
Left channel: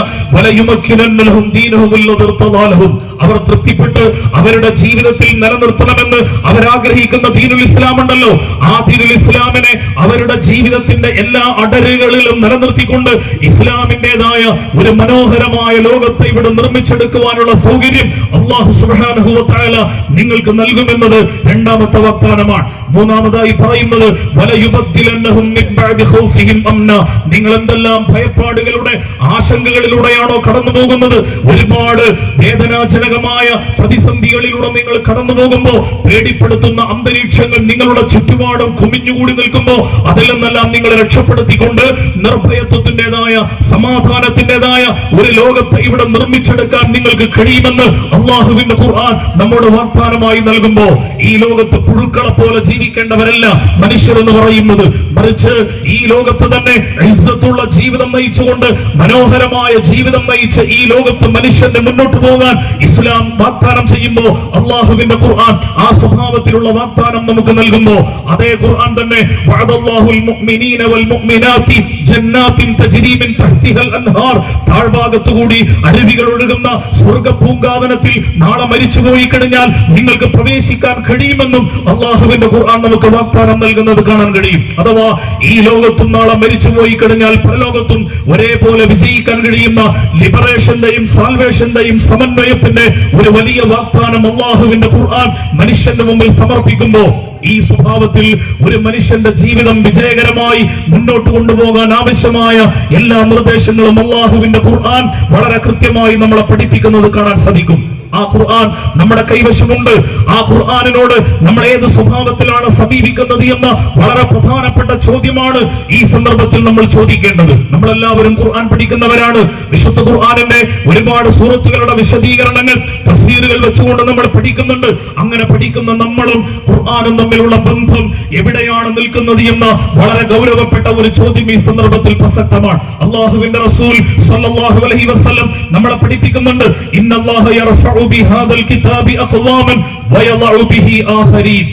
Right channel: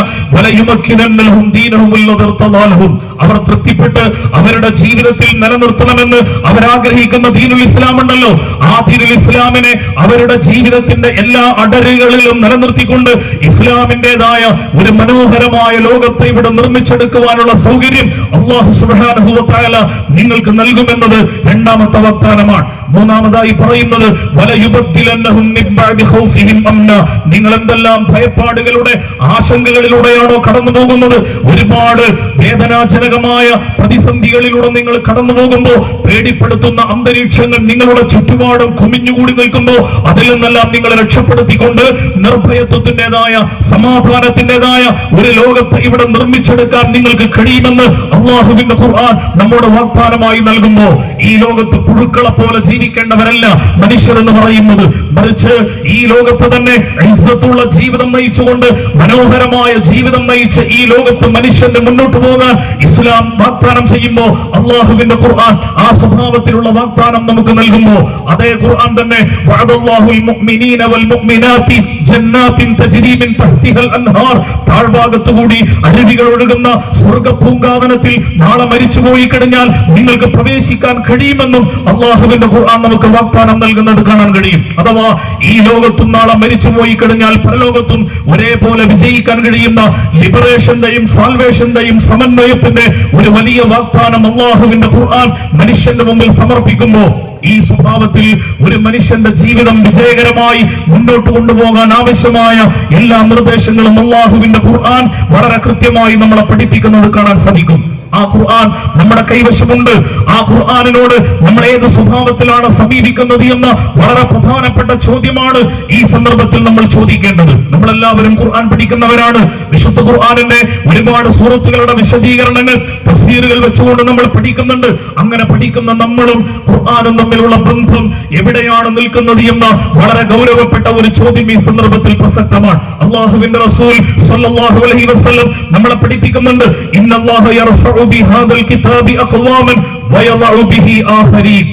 അവർ തൃപ്തിപ്പെട്ട് അവരുടെ ജീവിതത്തിൽ നിലനിർത്തണമെന്ന് അവരാഗ്രഹിക്കുന്ന ദീനുൽ ഇസ്ലാം ഉണ്ടല്ലോ, ആ ദീനുൽ ഇസ്ലാമിനെ അവരുടെ ജീവിതത്തിന്റെ എല്ലാ അടരുകളിലും നിലനിർത്തിക്കൊണ്ട് ഇസ്ലാമിന്റേതായ ഒരു മനോഹരമായ ലോകത്തെ ഇവിടെ നിർമ്മിച്ചെടുക്കുവാനുള്ള സൗകര്യം അല്ലാഹു സുബ്ഹാനഹു വ തആല നിങ്ങൾക്ക് നൽകുമെന്നത് രണ്ടാമത്തെ വാഗ്ദാനമാണ്. മൂന്നാമതായി പറയുന്നത് വലയുബദ്ദിലന്നഹും മിൻ ബഅദി ഖൗഫിഹിം അംനാ. നിങ്ങൾ എന്തെല്ലാം ഭയപ്പാടുകളുടെ ആശങ്കകളിലൂടെയാണോ കടന്നു പോകുന്നത്, ഒരുപാട് വേദനാജനകമായ പ്രതിസന്ധികളിലൂടെ നിങ്ങൾ കടന്നു പോകുമ്പോൾ പേടിപ്പെടുത്തുന്ന അന്തരീക്ഷങ്ങൾ നിങ്ങളുടെ ചുറ്റുപാടും കുമിഞ്ഞുകൂടി നിൽക്കുമ്പോൾ അതിൽ നിന്നെല്ലാം നിങ്ങളെ രക്ഷപ്പെടുത്തിക്കൊണ്ട് നിർഭയത്വത്തിന്റേതായ സമാധാനത്തിന്റേതായ ഒരു ലോകത്ത് ഇവിടെ നിർമ്മിച്ചെടുക്കാൻ നിങ്ങൾക്ക് കഴിയുമെന്ന് അല്ലാഹുവിന്റെ ഖുർആൻ നമ്മുടെ വാഗ്ദാനമായി നൽകുമ്പോൾ ഈ ലോകത്ത് പുഴുക്കളെ പോലെ ജീവിക്കേണ്ടവരല്ല മനുഷ്യർ എന്ന് പറയുന്നത്, മറിച്ച് ഈ ലോകത്ത് തന്നെ ഇസ്സത്തുള്ള ജീവിതം നയിച്ചുകൊണ്ട് മനോഹരമായ ജീവിതം നയിച്ച് ഈ ലോകത്ത് മനുഷ്യന്റെ മുന്നോട്ട് പോകാൻ ഇസ്ലാം വാഗ്ദാനം ചെയ്യുമ്പോൾ അല്ലാഹുവിന്റെ ഖുർആൻ ആ സ്വഭാവത്തിലുള്ള വാഗ്ദാനം നമുക്ക് നൽകുമ്പോൾ അതേ ഖുർആൻ തന്നെ വഅദല്ലാഹുൽ മുഅ്മിനീന വൽ മുഅ്മിനാത്തി ജന്നാത്തിൻ തജ്രി മിൻ തഹ്തിഹൽ അൻഹാർ. താഴ്ഭാഗത്തുകൂടി അരുവികൾ ഒഴുകുന്ന സ്വർഗ്ഗ പൂങ്കാവനത്തിൽ നാളെ മരിച്ചുപോയി കഴിഞ്ഞാൽ നിങ്ങൾക്ക് പ്രവേശിക്കാൻ കഴിയുമെന്നും അല്ലാഹുവിന്റെ ഖുർആൻ നമുക്ക് വാഗ്ദാനം നൽകുന്നത് കാണാൻ കഴിയും. അഥവാ ഈ ലോകത്തും നാളെ മരിച്ചുപോയി കഴിഞ്ഞാൽ പരലോകത്തും ഒരേപോലെ വിജയിക്കാൻ കഴിയുന്ന ലിബറേഷന്റെയും സാൽവേഷന്റെയും സമന്വയത്തിന്റെ ഒരു വലിയ വാഗ്ദാനം അല്ലാഹുവിന്റെ ഖുർആൻ മനുഷ്യന്റെ മുമ്പിൽ സമർപ്പിക്കുമ്പോൾ ഈ സ്വഭാവത്തിൽ ഒരു മനുഷ്യന്റെ ജീവിതം വിജയകരമായി മുന്നോട്ട് കൊണ്ടുപോകാൻ ആവശ്യമായ എല്ലാ നിർദ്ദേശങ്ങളും അല്ലാഹുവിന്റെ ഖുർആൻ വളരെ കൃത്യമായി നമ്മളെ പഠിപ്പിക്കുന്നത് കാണാൻ സാധിക്കും. ആ ഖുർആൻ നമ്മുടെ കൈവശമുണ്ട്. ആ ഖുർആനിനോട് നമ്മൾ ഏത് സ്വഭാവത്തിലാണ് സമീപിക്കുന്നത് എന്ന വളരെ പ്രധാനപ്പെട്ട ചോദ്യമാണ് ഈ സന്ദർഭത്തിൽ നമ്മൾ ചോദിക്കേണ്ടത്. നമ്മളെല്ലാവരും ഖുർആൻ പഠിക്കുന്നവരാണ്. വിശുദ്ധ ഖുർആനിന്റെ ഒരുപാട് സൂറത്തുകളുടെ വിശദീകരണങ്ങൾ തഫ്സീറുകൾ വെച്ചുകൊണ്ട് നമ്മൾ പഠിക്കുന്നുണ്ട്. അങ്ങനെ പഠിക്കുന്ന നമ്മളും ഖുർആനും തമ്മിലുള്ള ബന്ധം എവിടെയാണ് നിൽക്കുന്നത് എന്ന വളരെ ഗൗരവപ്പെട്ട ഒരു ചോദ്യം ഈ സന്ദർഭത്തിൽ പ്രസക്തമാണ്. അല്ലാഹുവിന്റെ റസൂൽ സ്വല്ലല്ലാഹു അലൈഹി വസല്ലം നമ്മളെ പഠിപ്പിക്കുന്നുണ്ട്, ഇന്നല്ലാഹ യർഫഉ ബിഹാദൽ കിതാബി അഖ്വാമൻ വയദഉ ബിഹി ആഖരീൻ.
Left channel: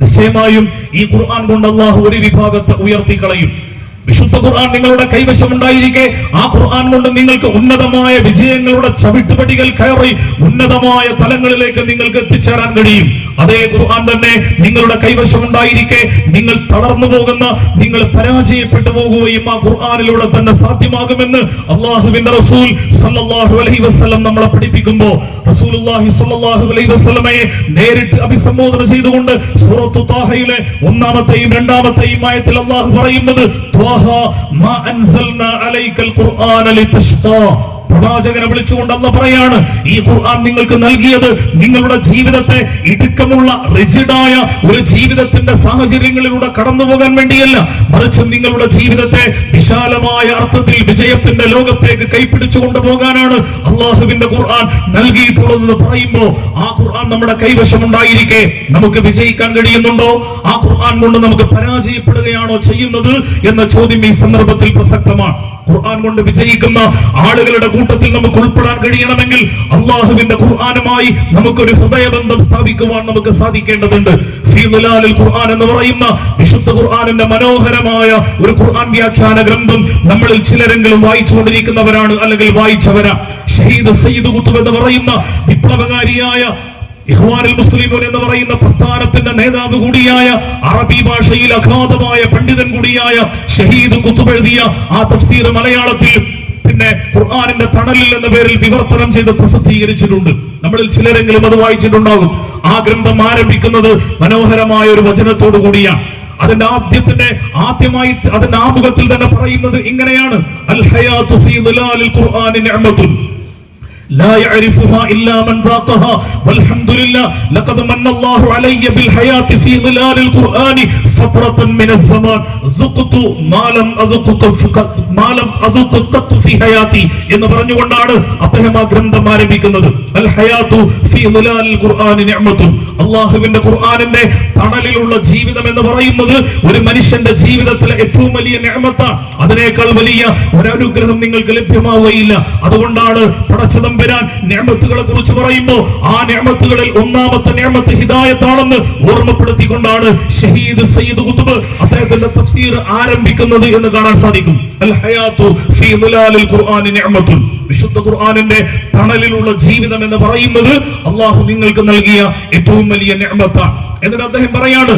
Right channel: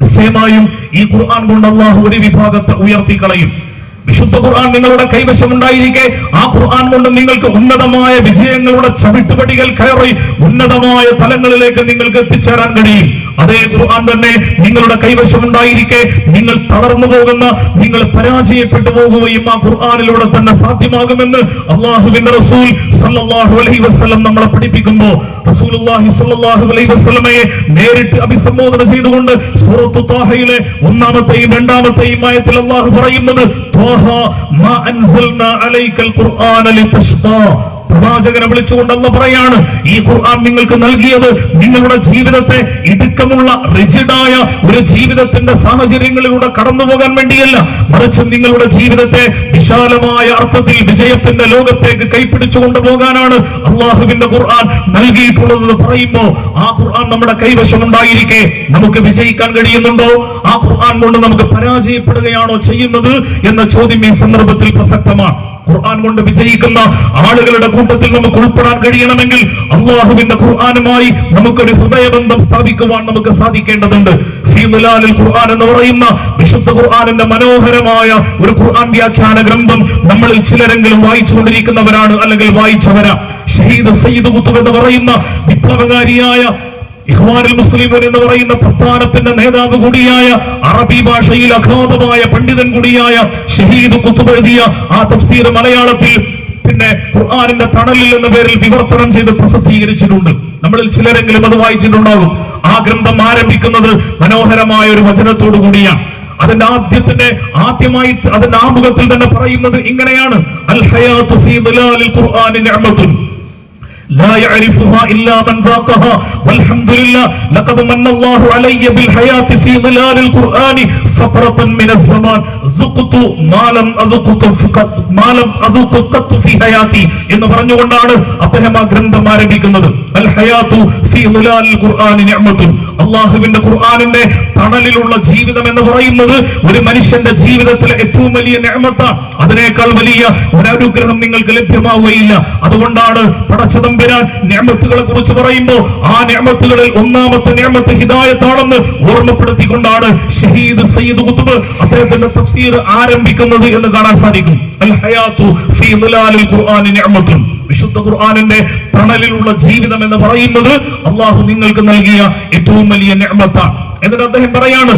നിശ്ചയമായും ഈ ഖുർആൻ കൊണ്ട് അല്ലാഹു ഒരു വിഭാഗത്തെ ഉയർത്തിക്കളയും. വിശുദ്ധ ഖുർആൻ നിങ്ങളുടെ കൈവശമുണ്ടായിരിക്കെ ആ ഖുർആൻ കൊണ്ട് നിങ്ങൾക്ക് ഉന്നതമായ വിജയങ്ങളുടെ ചവിട്ടുപടികൾ കയറി ഉന്നതമായ തലങ്ങളിലേക്ക് നിങ്ങൾക്ക് എത്തിച്ചേരാൻ കഴിയും. അതേ ഖുർആൻ തന്നെ നിങ്ങളുടെ കൈവശമുണ്ടായിരിക്കെ നിങ്ങൾ തളർന്നു പോകുന്ന, നിങ്ങൾ പരാജയപ്പെട്ടു പോകുകയും ആ ഖുർആനിലൂടെ തന്നെ സാധ്യമാകുമെന്ന് അല്ലാഹുവിന്റെ റസൂൽ സല്ലല്ലാഹു അലൈഹി വസല്ലം നമ്മളെ പഠിപ്പിക്കുമ്പോൾ റസൂലുള്ളാഹി സ്വല്ലല്ലാഹു അലൈഹി വസല്ലമയെ നേരിട്ട് അഭിസംബോധന ചെയ്തുകൊണ്ട് സൂറത്തു ത്വാഹയിലെ 1-ാമത്തെയും 2-ാമത്തെയും ആയത്തിൽ അല്ലാഹു പറയുന്നത് മാ അൻസൽനാ അലൈക്കൽ ഖുർആന ലിതഷ്ഖാ. പ്രവാചകനെ വിളിച്ചുകൊണ്ട് അല്ലാഹു പറയാണ്, ഈ ഖുർആൻ നിങ്ങൾക്ക് നൽകിയത് നിങ്ങളുടെ ജീവിതത്തെ ഇടുക്കമുള്ള റിജിഡായ ഒരു ജീവിതത്തിന്റെ സാഹചര്യങ്ങളിലൂടെ കടന്നു പോകാൻ വേണ്ടിയല്ല, മറിച്ച് നിങ്ങളുടെ ജീവിതത്തെ വിശാലമായ അർത്ഥത്തിൽ വിജയത്തിന്റെ ലോകത്തേക്ക് കൈപ്പിടിച്ചു കൊണ്ടുപോകാനാണ് അള്ളാഹുവിന്റെ ഖുർആൻ നൽകിയിട്ടുള്ളതെന്ന് പറയുമ്പോൾ ആ ഖുർആൻ നമ്മുടെ കൈവശമുണ്ടായിരിക്കെ നമുക്ക് വിജയിക്കാൻ കഴിയുന്നുണ്ടോ? ആ ഖുർആൻ കൊണ്ട് നമുക്ക് പരാജയപ്പെടുകയാണോ ചെയ്യുന്നത് എന്ന ചോദ്യം ഈ സന്ദർഭത്തിൽ പ്രസക്തമാണ്. ഖുർആൻ കൊണ്ട് വിജയിക്കുന്ന ആളുകളുടെ കൂട്ടത്തിൽ നമുക്ക് ഉൾപ്പെടാൻ കഴിയണമെങ്കിൽ അള്ളാഹുവിന്റെ ഖുർആനുമായി നമുക്കൊരു ഹൃദയബന്ധം സ്ഥാപിക്കുവാൻ നമുക്ക് സാധിക്കേണ്ടതുണ്ട്. ഫീ ദിലാലിൽ ഖുർആൻ എന്ന് പറയുന്ന വിശുദ്ധ ഖുർആനിന്റെ മനോഹരമായ ഒരു ഖുർആൻ വ്യാഖ്യാന ഗ്രന്ഥം നമ്മളിൽ ചിലരെങ്കിലും വായിച്ചുകൊണ്ടിരിക്കുന്നവരാണ്, അല്ലെങ്കിൽ വായിച്ചവരാ. ഷഹീദ് സയ്യിദ് ഖുത്ബ് എന്ന് പറയുന്ന വിപ്ലവകാരിയായ ഇഖ്വാനുൽ മുസ്ലിമീൻ എന്ന് പറയുന്ന പ്രസ്ഥാനത്തിന്റെ നേതാവ് കൂടിയായ, അറബി ഭാഷയിൽ അഗാധമായ പണ്ഡിതൻ കൂടിയായ ഷഹീദ് ഖുത്ബ് എഴുതിയ ആ തഫ്സീർ മലയാളത്തിൽ പിന്നെ ഖുർആനിന്റെ തണലിൽ എന്ന പേരിൽ വിവർത്തനം ചെയ്ത് പ്രസിദ്ധീകരിച്ചിട്ടുണ്ട്. നമ്മളിൽ ചിലരെങ്കിലും അത് വായിച്ചിട്ടുണ്ടാകും. ആ ഗ്രന്ഥം ആരംഭിക്കുന്നത് മനോഹരമായ ഒരു വചനത്തോടു കൂടിയാണ്. അതിന്റെ ആദ്യമായി അതിന്റെ ആമുഖത്തിൽ തന്നെ പറയുന്നത് ഇങ്ങനെയാണ്: അൽ ഹയാതു ഫീ ദിലാലിൽ ഖുർആനി നിഅമത്തുൻ لا يعرفها إلا من ذاقها والحمد لله لقد من الله علي بالحياة في ظلال القرآن فترة من الزمان ذقت ما لم أذق قط في حياتي എന്ന് പറഞ്ഞുകൊണ്ടാണ് അദ്ദേഹം ആ ഗ്രന്ഥം ആരംഭിക്കുന്നത്. അൽ ഹയാത്തു ഫീ ളിലാലിൽ ഖുർആനി നിഅമത്തുൻ. അല്ലാഹുവിന്റെ ഖുർആനിന്റെ തണലിലുള്ള ജീവിതം എന്ന് പറയുന്നത് ഒരു മനുഷ്യന്റെ ജീവിതത്തിലെ ഏറ്റവും വലിയ നിഅമത്താണ്. അതിനേക്കാൾ വലിയ ഒരു അനുഗ്രഹം നിങ്ങൾക്ക് ലഭ്യമാവുകയില്ല. അതുകൊണ്ടാണ് പടച്ചതം നിഅമത്തുകളെ കുറിച്ച് പറയുമ്പോൾ ആ നിഅമത്തുകളിൽ ഒന്നാമത്തെ നിഅമത്ത് ഹിദായത്താണെന്ന് ഓർമ്മപ്പെടുത്തിക്കൊണ്ടാണ് ഷഹീദ് സയ്യിദ് ഖുത്ബ് അദ്ദേഹത്തിന്റെ തഫ്സീർ ആരംഭിക്കുന്നത് എന്ന് കാണാൻ സാധിക്കും. അൽ ഹയാത്തു ഫീ ദിലാലിൽ ഖുർആനി നിഅമത്തുൻ. വിശുദ്ധ ഖുർആനിന്റെ തണലിലുള്ള ജീവിതം എന്ന് പറയുന്നത് അല്ലാഹു നിങ്ങൾക്ക് നൽകിയ ഏറ്റവും വലിയ നിഅമത്താണ്. എന്നിട്ട് അദ്ദേഹം പറയാണ്,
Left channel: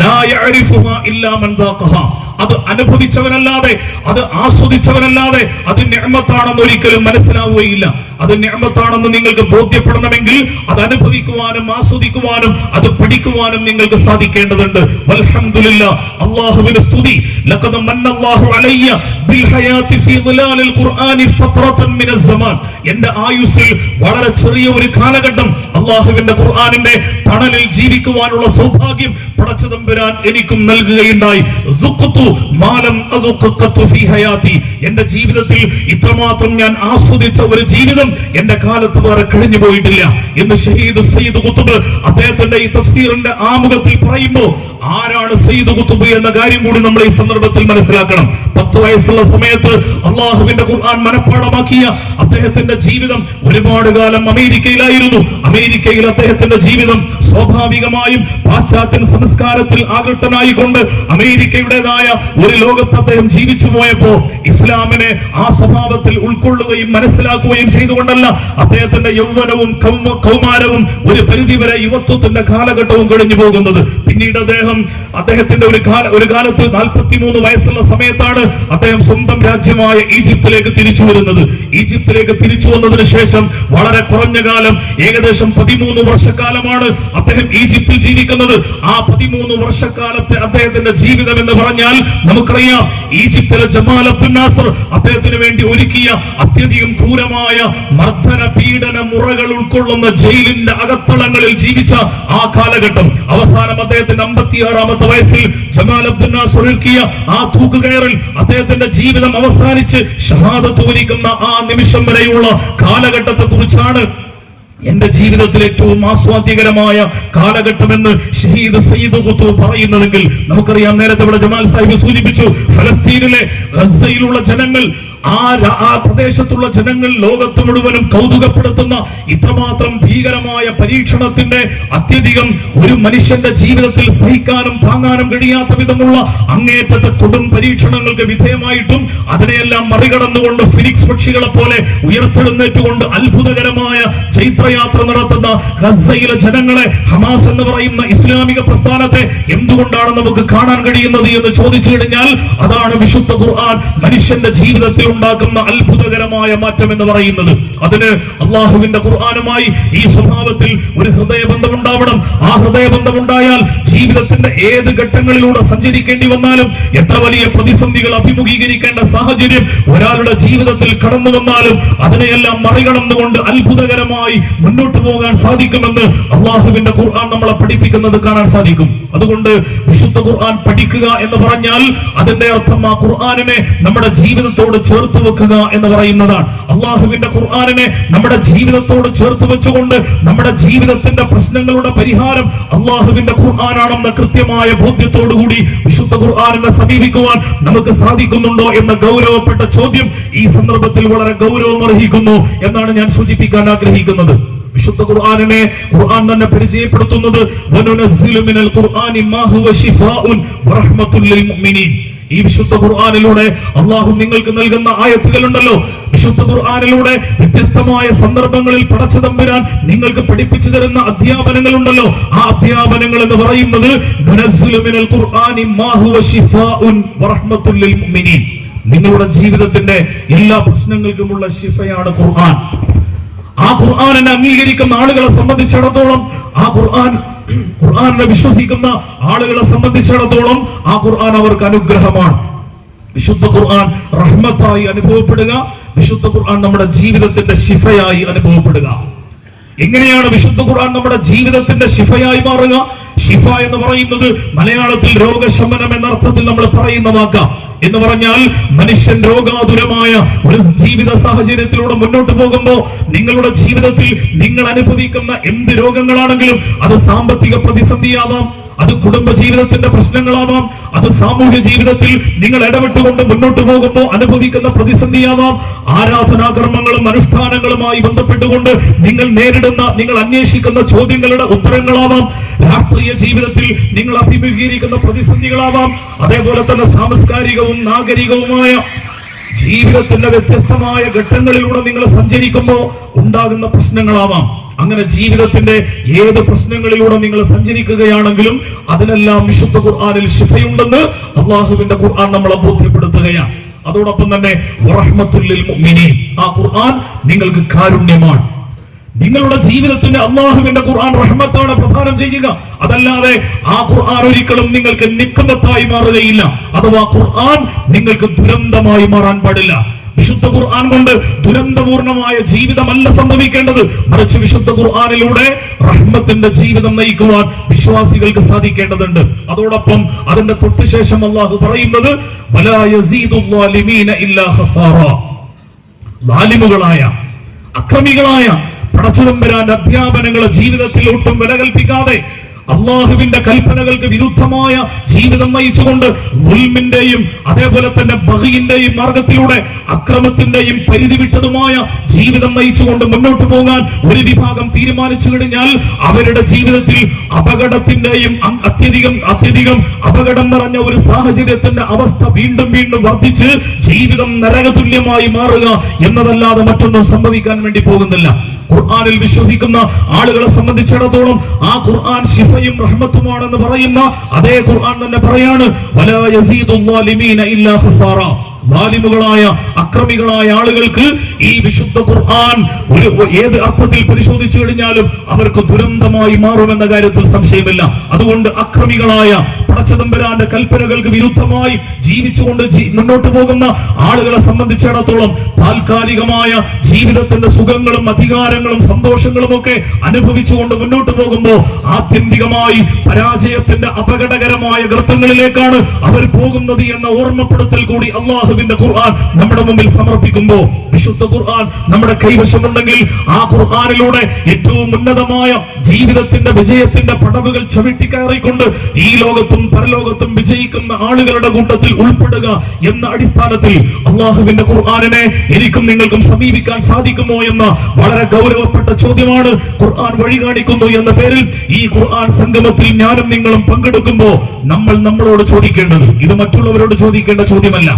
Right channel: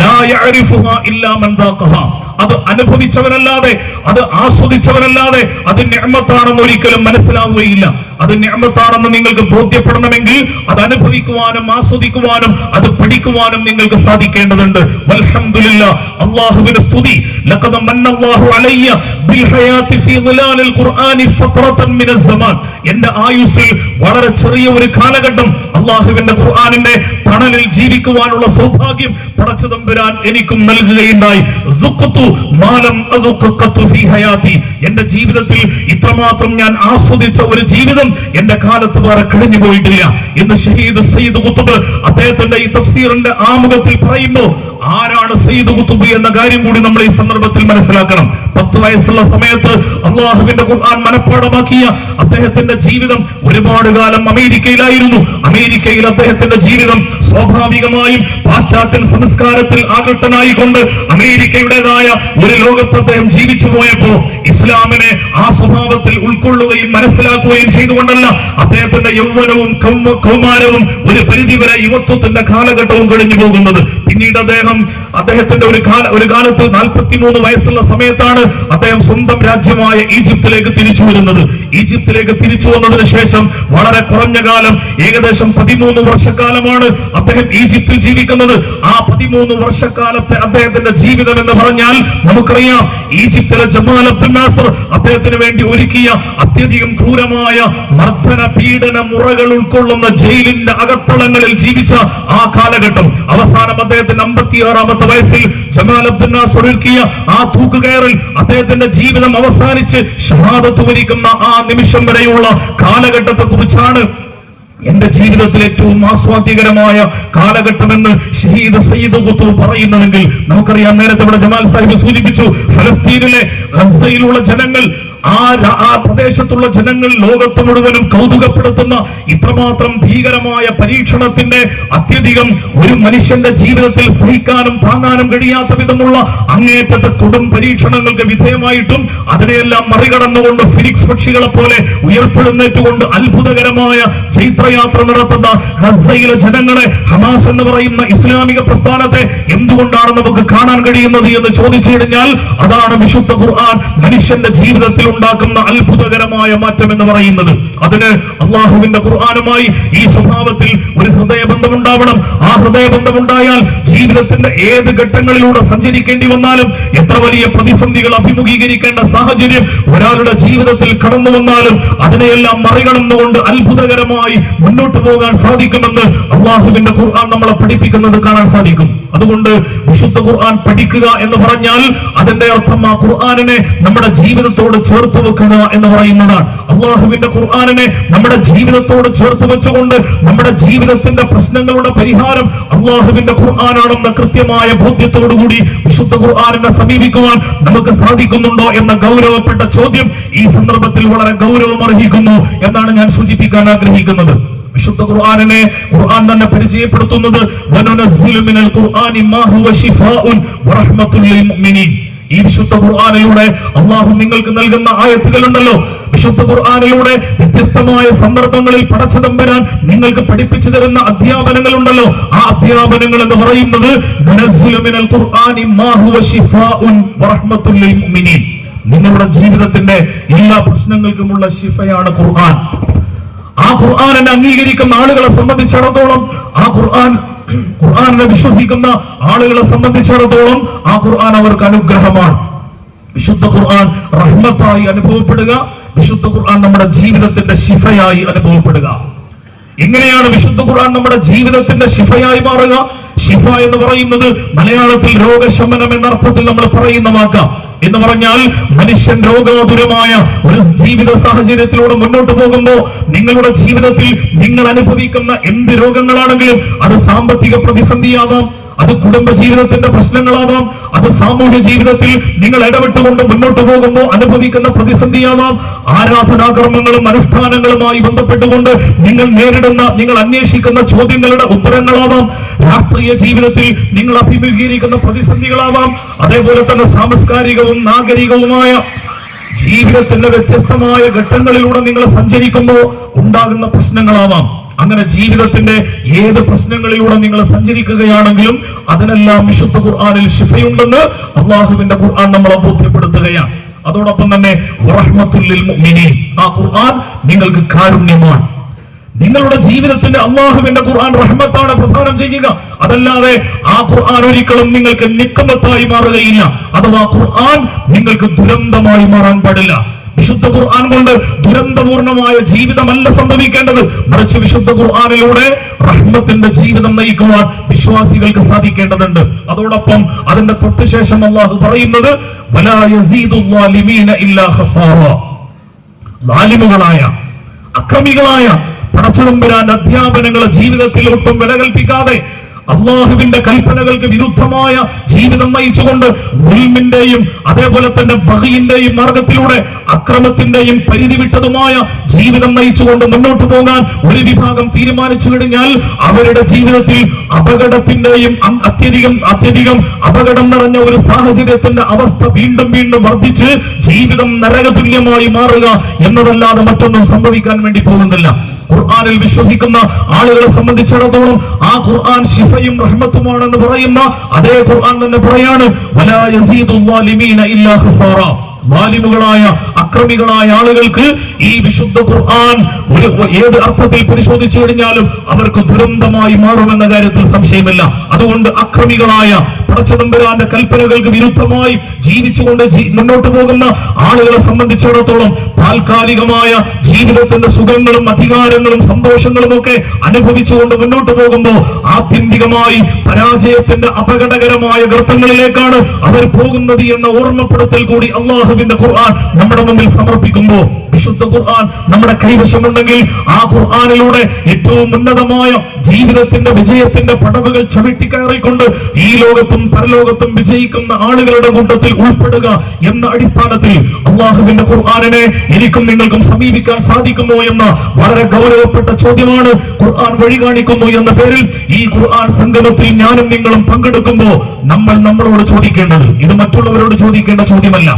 ലാ യഅരിഫുഹാ ഇല്ലാ മൻ ദാഖഹാ. അത് അനുഭവിച്ചവനല്ലാതെ, അത് ആസ്വദിച്ചവനല്ലാതെ അത് നിഅമത്താണെന്ന് ഒരിക്കലും മനസ്സിലാവുകയില്ല. അത് നിഅമത്താണെന്ന് നിങ്ങൾക്ക് ബോധ്യപ്പെടണമെങ്കിൽ അത് അനുഭവിക്കുവാനും ആസ്വദിക്കുവാനും അത് പഠിക്കുവാനും നിങ്ങൾക്ക് സാധിക്കേണ്ടതുണ്ട്. വൽഹംദുലില്ലാഹ്, അല്ലാഹുവിന്റെ സ്തുതി. ലഖദ് മന്നല്ലാഹു അലയ്യ ബിൽ ഹയാത്തി ഫീ ദിലാലിൽ ഖുർആനി ഫത്രതൻ മിനസ് സമാൻ. എന്റെ ആയുസ്സിൽ വളരെ ചെറിയ ഒരു കാലഘട്ടം അല്ലാഹുവിന്റെ ഖുർആനിന്റെ തണലിൽ ജീവിക്കുവാനുള്ള സൗഭാഗ്യം പടച്ച തമ്പുരാൻ എനിക്കും നൽകുകയുണ്ടായി. എന്റെ ജീവിതത്തിൽ ഇത്രമാത്രം ഞാൻ ആസ്വദിച്ച ഒരു ജീവിതം എന്റെ കാലത്ത് വേറെ കഴിഞ്ഞു പോയിട്ടില്ല എന്ന് ഷഹീദ് സയ്യിദ് ഖുത്ബ് അദ്ദേഹത്തിന്റെ ഈ തഫ്സീറിന്റെ ആമുഖത്തിൽ പറയുമ്പോൾ ആരാണ് സയ്യിദ് ഖുത്ബ് എന്ന കാര്യം കൂടി നമ്മൾ ഈ സന്ദർഭത്തിൽ മനസ്സിലാക്കണം. 10 വയസ്സുള്ള സമയത്ത് അല്ലാഹുവിന്റെ ഖുർആൻ മനഃപ്പാഠമാക്കിയ അദ്ദേഹത്തിന്റെ ജീവിതം ഒരുപാട് കാലം അമേരിക്കയിലായിരുന്നു. അമേരിക്കയിൽ അദ്ദേഹത്തിന്റെ ജീവിതം സ്വാഭാവികമായും പാശ്ചാത്യ സംസ്കാരത്തിൽ ആകൃഷ്ടനായിക്കൊണ്ട് അമേരിക്കയുടേതായ ഒരു ലോകത്ത് അദ്ദേഹം ജീവിച്ചു പോയപ്പോ ഇസ്ലാമിനെ ആ സ്വഭാവത്തിൽ ഉൾക്കൊള്ളുകയും മനസ്സിലാക്കുകയും ചെയ്തുകൊണ്ടല്ല അദ്ദേഹത്തിന്റെ യൗവനവും കൗമാരവും ഒരു പരിധിവരെ യുവത്വത്തിന്റെ കാലഘട്ടവും കഴിഞ്ഞു പോകുന്നത്. പിന്നീട് അദ്ദേഹത്തിന്റെ ഒരു കാലത്ത് 43 വയസ്സുള്ള സമയത്താണ് അദ്ദേഹം സ്വന്തം രാജ്യമായ ഈജിപ്തിലേക്ക് തിരിച്ചു വരുന്നത്. ഈജിപ്തിലേക്ക് തിരിച്ചു വന്നതിന് ശേഷം വളരെ കുറഞ്ഞ കാലം, ഏകദേശം 13 വർഷക്കാലമാണ് അദ്ദേഹം ഈജിപ്തിൽ ജീവിക്കുന്നത്. ആ 13 വർഷക്കാലത്തെ അദ്ദേഹത്തിന്റെ ജീവിതം എന്ന് പറഞ്ഞാൽ നമുക്കറിയാം, ഈജിപ്തിലെ ജമാൽ അബ്ദുൽ നാസർ അദ്ദേഹത്തിന് വേണ്ടി ഒരുക്കിയ അത്യധികം ക്രൂരമായ മർദ്ദന പീഡന മുറകൾ ഉൾക്കൊള്ളുന്ന ജയിലിന്റെ അകത്തളങ്ങളിൽ ജീവിച്ച ആ കാലഘട്ടം. അവസാനം അദ്ദേഹത്തിന്റെ 56-ാമത്തെ വയസ്സിൽ ജമാൽ അബ്ദുൽ നാസർ ഒരുക്കിയ ആ തൂക്കുകയറിൽ അദ്ദേഹത്തിന്റെ ജീവിതം അവസാനിച്ച് ഷഹാദത്ത് വരിക്കുന്ന ആ നിമിഷം വരെയുള്ള കാലഘട്ടത്തെ കുറിച്ചാണ് എന്റെ ജീവിതത്തിൽ ഏറ്റവും ആസ്വാദ്യകരമായ കാലഘട്ടമെന്ന് ഷഹീദ് സയ്യിദ് ഖുത്ബ് പറയുന്നതെങ്കിൽ നമുക്കറിയാം, നേരത്തെ ഇവിടെ ജമാൽ സാഹിബ് സൂചിപ്പിച്ചു, ഫലസ്തീനിലെ ഗസയിലുള്ള ജനങ്ങൾ ആ പ്രദേശത്തുള്ള ജനങ്ങൾ ലോകത്ത് മുഴുവനും കൗതുകപ്പെടുത്തുന്ന ഇത്രമാത്രം ഭീകരമായ പരീക്ഷണത്തിന്റെ അത്യധികം ഒരു മനുഷ്യന്റെ ജീവിതത്തിൽ സഹിക്കാനും താങ്ങാനും കഴിയാത്ത വിധമുള്ള അങ്ങേറ്റത്തെ കൊടും പരീക്ഷണങ്ങൾക്ക് വിധേയമായിട്ടും അതിനെയെല്ലാം മറികടന്നുകൊണ്ട് ഫിനിക്സ് പക്ഷികളെ പോലെ ഉയർത്തെഴുന്നേറ്റുകൊണ്ട് അത്ഭുതകരമായ ചൈത്രയാത്ര നടത്തുന്ന ഗസയിലെ ജനങ്ങളെ, ഹമാസ് എന്ന് പറയുന്ന ഇസ്ലാമിക പ്രസ്ഥാനത്തെ എന്തുകൊണ്ടാണ് നമുക്ക് കാണാൻ കഴിയുന്നത് എന്ന് ചോദിച്ചു കഴിഞ്ഞാൽ അതാണ് വിശുദ്ധ ഖുർആൻ മനുഷ്യന്റെ ജീവിതത്തിൽ ഉണ്ടാക്കുന്ന അത്ഭുതകരമായ മാറ്റം എന്ന് പറയുന്നത്. അതിന് അള്ളാഹുവിന്റെ ഖുർആനുമായി ഈ സ്വഭാവത്തിൽ ഒരു ഹൃദയബന്ധം ഉണ്ടാവണം. ആ ഹൃദയബന്ധം ഉണ്ടായാൽ ജീവിതത്തിന്റെ ഏത് ഘട്ടങ്ങളിലൂടെ സഞ്ചരിക്കേണ്ടി വന്നാലും, എത്ര വലിയ പ്രതിസന്ധികൾ അഭിമുഖീകരിക്കേണ്ട സാഹചര്യം ഒരാളുടെ ജീവിതത്തിൽ കടന്നു വന്നാലും അതിനെയെല്ലാം മറികടന്നുകൊണ്ട് അത്ഭുതകരമായി മുന്നോട്ട് പോകാൻ സാധിക്കുമെന്ന് അള്ളാഹുവിന്റെ ഖുർആൻ നമ്മളെ പഠിപ്പിക്കുന്നത് കാണാൻ സാധിക്കും. അതുകൊണ്ട് വിശുദ്ധ ഖുർആൻ പഠിക്കുക എന്ന് പറഞ്ഞാൽ അതിന്റെ അർത്ഥം ആ ഖുർആനിനെ നമ്മുടെ ജീവിതത്തോട് ചേർത്ത് വെക്കുക എന്ന് പറയുന്നതാണ്. അള്ളാഹുവിന്റെ ഖുർആനിനെ നമ്മുടെ ജീവിതത്തോട് ചേർത്ത് വെച്ചുകൊണ്ട് നമ്മുടെ ജീവിതത്തിന്റെ പ്രശ്നങ്ങളുടെ പരിഹാരം അള്ളാഹുവിന്റെ ഖുർആനാണെന്ന കൃത്യമായ ബോധ്യത്തോടുകൂടി വിശുദ്ധ ഖുർആനിനെ സമീപിക്കുവാൻ നമുക്ക് സാധിക്കുന്നുണ്ടോ എന്ന ഗൗരവപ്പെട്ട ചോദ്യം ഈ സന്ദർഭത്തിൽ വളരെ ഗൗരവം അർഹിക്കുന്നു എന്നാണ് ഞാൻ സൂചിപ്പിക്കാൻ ആഗ്രഹിക്കുന്നത്. വിശുദ്ധ ഖുർആനിനെ ഖുർആൻ തന്നെ പരിചയപ്പെടുത്തുന്നത് വനനസ്സിലു മിനൽ ഖുർആനി മാ ഹുവ ശിഫാഉൻ വറഹ്മത്തുൽ ലിൽ മുഅ്മിനീൻ. ഈ വിശുദ്ധ ഖുർആനിലൂടെ അല്ലാഹു നിങ്ങൾക്ക് നൽകുന്ന ആയത്തുകൾ ഉണ്ടല്ലോ, വിശുദ്ധ ഖുർആനിലൂടെ വ്യത്യസ്തമായ സന്ദർഭങ്ങളിൽ പടച്ച തമ്പുരാൻ നിങ്ങൾക്ക് പഠിപ്പിച്ചു തരുന്ന അധ്യാപനങ്ങൾ ഉണ്ടല്ലോ, ആ അധ്യാപനങ്ങൾ എന്ന് പറയുന്നത് വനനസ്സിലു മിനൽ ഖുർആനി മാ ഹുവ ശിഫാഉൻ വറഹ്മത്തുൽ ലിൽ മുഅ്മിനീൻ. നിങ്ങളുടെ ജീവിതത്തിന്റെ എല്ലാ പ്രശ്നങ്ങൾക്കുമുള്ള ശിഫയാണ് ഖുർആൻ. ആ ഖുർആനെ അംഗീകരിക്കുന്ന ആളുകളെ സംബന്ധിച്ചിടത്തോളം, ആ ഖുർആനെ വിശ്വസിക്കുന്ന ആളുകളെ സംബന്ധിച്ചിടത്തോളം ആ ഖുർആൻ അവർക്ക് അനുഗ്രഹമാണ്. വിശുദ്ധ ഖുർആൻ റഹ്മത്തായി അനുഭവപ്പെടുക, വിശുദ്ധ ഖുർആൻ നമ്മുടെ ജീവിതത്തിന്റെ ശിഫയായി അനുഭവപ്പെടുക. എങ്ങനെയാണ് വിശുദ്ധ ഖുർആൻ നമ്മുടെ ജീവിതത്തിന്റെ ശിഫയായി മാറുക? ശിഫ എന്ന് പറയുന്നത് മലയാളത്തിൽ രോഗശമനം എന്ന അർത്ഥത്തിൽ നമ്മൾ പറയുന്ന വാക്കാം. എന്ന് പറഞ്ഞാൽ മനുഷ്യൻ രോഗാതുരമായ ഒരു ജീവിത സാഹചര്യത്തിലൂടെ മുന്നോട്ട് പോകുമ്പോൾ നിങ്ങളുടെ ജീവിതത്തിൽ നിങ്ങൾ അനുഭവിക്കുന്ന എന്ത് രോഗങ്ങളാണെങ്കിലും അത് സാമ്പത്തിക പ്രതിസന്ധിയാവാം, അത് കുടുംബ ജീവിതത്തിന്റെ പ്രശ്നങ്ങളാവാം, അത് സാമൂഹ്യ ജീവിതത്തിൽ നിങ്ങൾ ഇടപെട്ടുകൊണ്ട് മുന്നോട്ട് പോകുമ്പോൾ അനുഭവിക്കുന്ന പ്രതിസന്ധിയാവാം, ആരാധനാകർമ്മങ്ങളും അനുഷ്ഠാനങ്ങളുമായി ബന്ധപ്പെട്ടുകൊണ്ട് നിങ്ങൾ നേരിടുന്ന, നിങ്ങൾ അന്വേഷിക്കുന്ന ചോദ്യങ്ങളുടെ ഉത്തരങ്ങളാവാം, രാഷ്ട്രീയ ജീവിതത്തിൽ നിങ്ങൾ അഭിമുഖീകരിക്കുന്ന പ്രതിസന്ധികളാവാം, അതേപോലെ തന്നെ സാംസ്കാരികവും നാഗരികവുമായ ജീവിതത്തിന്റെ വ്യത്യസ്തമായ ഘട്ടങ്ങളിലൂടെ നിങ്ങൾ സഞ്ചരിക്കുമ്പോൾ ഉണ്ടാകുന്ന പ്രശ്നങ്ങളാവാം. അങ്ങനെ ജീവിതത്തിന്റെ ഏത് പ്രശ്നങ്ങളിലൂടെ നിങ്ങൾ സഞ്ചരിക്കുകയാണെങ്കിലും അതിനെല്ലാം വിശുദ്ധ ഖുർആനിൽ ശിഫയുണ്ടെന്ന് അല്ലാഹുവിന്റെ ഖുർആൻ നമ്മളെ ബോധ്യപ്പെടുത്തുകയാണ്. അതോടൊപ്പം തന്നെ വറഹ്മത്തുൽ ലിൽ മുഅ്മിനീൻ, ആ ഖുർആൻ നിങ്ങൾക്ക് കാരുണ്യമാണ്. നിങ്ങളുടെ ജീവിതത്തിന്റെ അള്ളാഹുവിന്റെ ഖുർആൻ റഹ്മത്താണ് പ്രദാനം ചെയ്യുക. അതല്ലാതെ ആ ഖുർആൻ ഒരിക്കലും നിങ്ങൾക്ക് നിക്കമത്തായി മാറുകയില്ല. അഥവാ ഖുർആൻ നിങ്ങൾക്ക് ദുരന്തമായി മാറാൻ പാടില്ല. വിശുദ്ധ ഖുർആൻ കൊണ്ട് ദുരന്തപൂർണമായ ജീവിതമല്ല സംഭവിക്കേണ്ടത്, മറിച്ച് വിശുദ്ധ ഖുർആനിലൂടെ റഹ്മത്തിന്റെ ജീവിതം നയിക്കുവാൻ വിശ്വാസികൾക്ക് സാധിക്കേണ്ടതുണ്ട്. അതോടൊപ്പം അതിന്റെ തൊട്ടുശേഷം അല്ലാഹു പറയുന്നത് വലാ യസീദു ളാലിമീന ഇല്ലാ ഖസാറ. ലാലിമുകളായ, അക്രമികളായ പടച്ചതമ്പുരാന്റെ അധ്യാപനങ്ങളെ ജീവിതത്തിൽ ഒട്ടും വില കൽപ്പിക്കാതെ അള്ളാഹുവിന്റെ കൽപ്പനകൾക്ക് വിരുദ്ധമായ ജീവിതം നയിച്ചുകൊണ്ട് ദുൽമിന്റെയും അതേപോലെ തന്നെ ബഗിന്റെയും മാർഗത്തിലൂടെ അക്രമത്തിന്റെയും പരിധി വിട്ടതുമായ ജീവിതം നയിച്ചുകൊണ്ട് മുന്നോട്ട് പോകാൻ ഒരു വിഭാഗം തീരുമാനിച്ചു കഴിഞ്ഞാൽ അവരുടെ ജീവിതത്തിൽ അപകടത്തിന്റെയും അത്യധികം അപകടം നിറഞ്ഞ ഒരു സാഹചര്യത്തിന്റെ അവസ്ഥ വീണ്ടും വീണ്ടും വർദ്ധിച്ച് ജീവിതം നരകതുല്യമായി മാറുക എന്നതല്ലാതെ മറ്റൊന്നും സംഭവിക്കാൻ വേണ്ടി പോകുന്നില്ല. ഖുർആനിൽ വിശ്വസിക്കുന്ന ആളുകളെ സംബന്ധിച്ചിടത്തോളം ആ ഖുർആൻ ശിഫയും റഹ്മത്തുമാണെന്ന് പറയുന്ന അതേ ഖുർആൻ തന്നെ പറയാണ് വലാ യസീദു ളാലിമീന ഇല്ലാ ഖസാറ. ളാലിമുകളായ, അക്രമികളായ ആളുകൾക്ക് ഈ വിശുദ്ധ ഖുർആൻ ഏത് അർത്ഥത്തിൽ പരിശോധിച്ചു കഴിഞ്ഞാലും അവർക്ക് ദുരന്തമായി മാറുമെന്ന കാര്യത്തിൽ സംശയമില്ല. അതുകൊണ്ട് അക്രമികളായ പടച്ചതമ്പുരാന്റെ കൽപ്പനകൾക്ക് വിരുദ്ധമായി ജീവിച്ചുകൊണ്ട് മുന്നോട്ട് പോകുന്ന ആളുകളെ സംബന്ധിച്ചിടത്തോളം താൽക്കാലികമായ ജീവിതത്തിന്റെ സുഖങ്ങളും അധികാരങ്ങളും സന്തോഷങ്ങളും ഒക്കെ അനുഭവിച്ചുകൊണ്ട് മുന്നോട്ട് പോകുമ്പോൾ ആത്യന്തികമായി പരാജയത്തിന്റെ അപകടകരമായ ഗർത്തങ്ങളിലേക്കാണ് അവർ പോകുന്നത് എന്ന ഓർമ്മപ്പെടുത്തൽ കൂടി അള്ളാഹുവിന്റെ ഖുർആൻ നമ്മുടെ മുമ്പിൽ സമർപ്പിക്കുമ്പോൾ വിശുദ്ധ ഖുർആൻ നമ്മുടെ കൈവശമുണ്ടെങ്കിൽ ആ ഖുർആനിലൂടെ ഏറ്റവും ഉന്നതമായ ജീവിതത്തിന്റെ വിജയത്തിന്റെ പടവുകൾ ചവിട്ടിക്കയറിക്കൊണ്ട് ഈ ലോകത്തും പരലോകത്തും വിജയിക്കുന്ന ആളുകളുടെ കൂട്ടത്തിൽ ഉൾപ്പെടുക എന്ന അടിസ്ഥാനത്തിൽ അള്ളാഹുവിന്റെ ഖുർആനിനെ എനിക്കും നിങ്ങൾക്കും സമീപിക്കാൻ സാധിക്കുമോ എന്ന വളരെ ഗൗരവപ്പെട്ട ചോദ്യമാണ് ഖുർആൻ വഴി കാണിക്കുന്നു എന്ന പേരിൽ ഈ ഖുർആൻ സംഗമത്തിൽ ഞാനും നിങ്ങളും പങ്കെടുക്കുമ്പോൾ നമ്മളോട് ചോദിക്കേണ്ടത്, ഇത് മറ്റുള്ളവരോട് ചോദിക്കേണ്ട ചോദ്യമല്ല,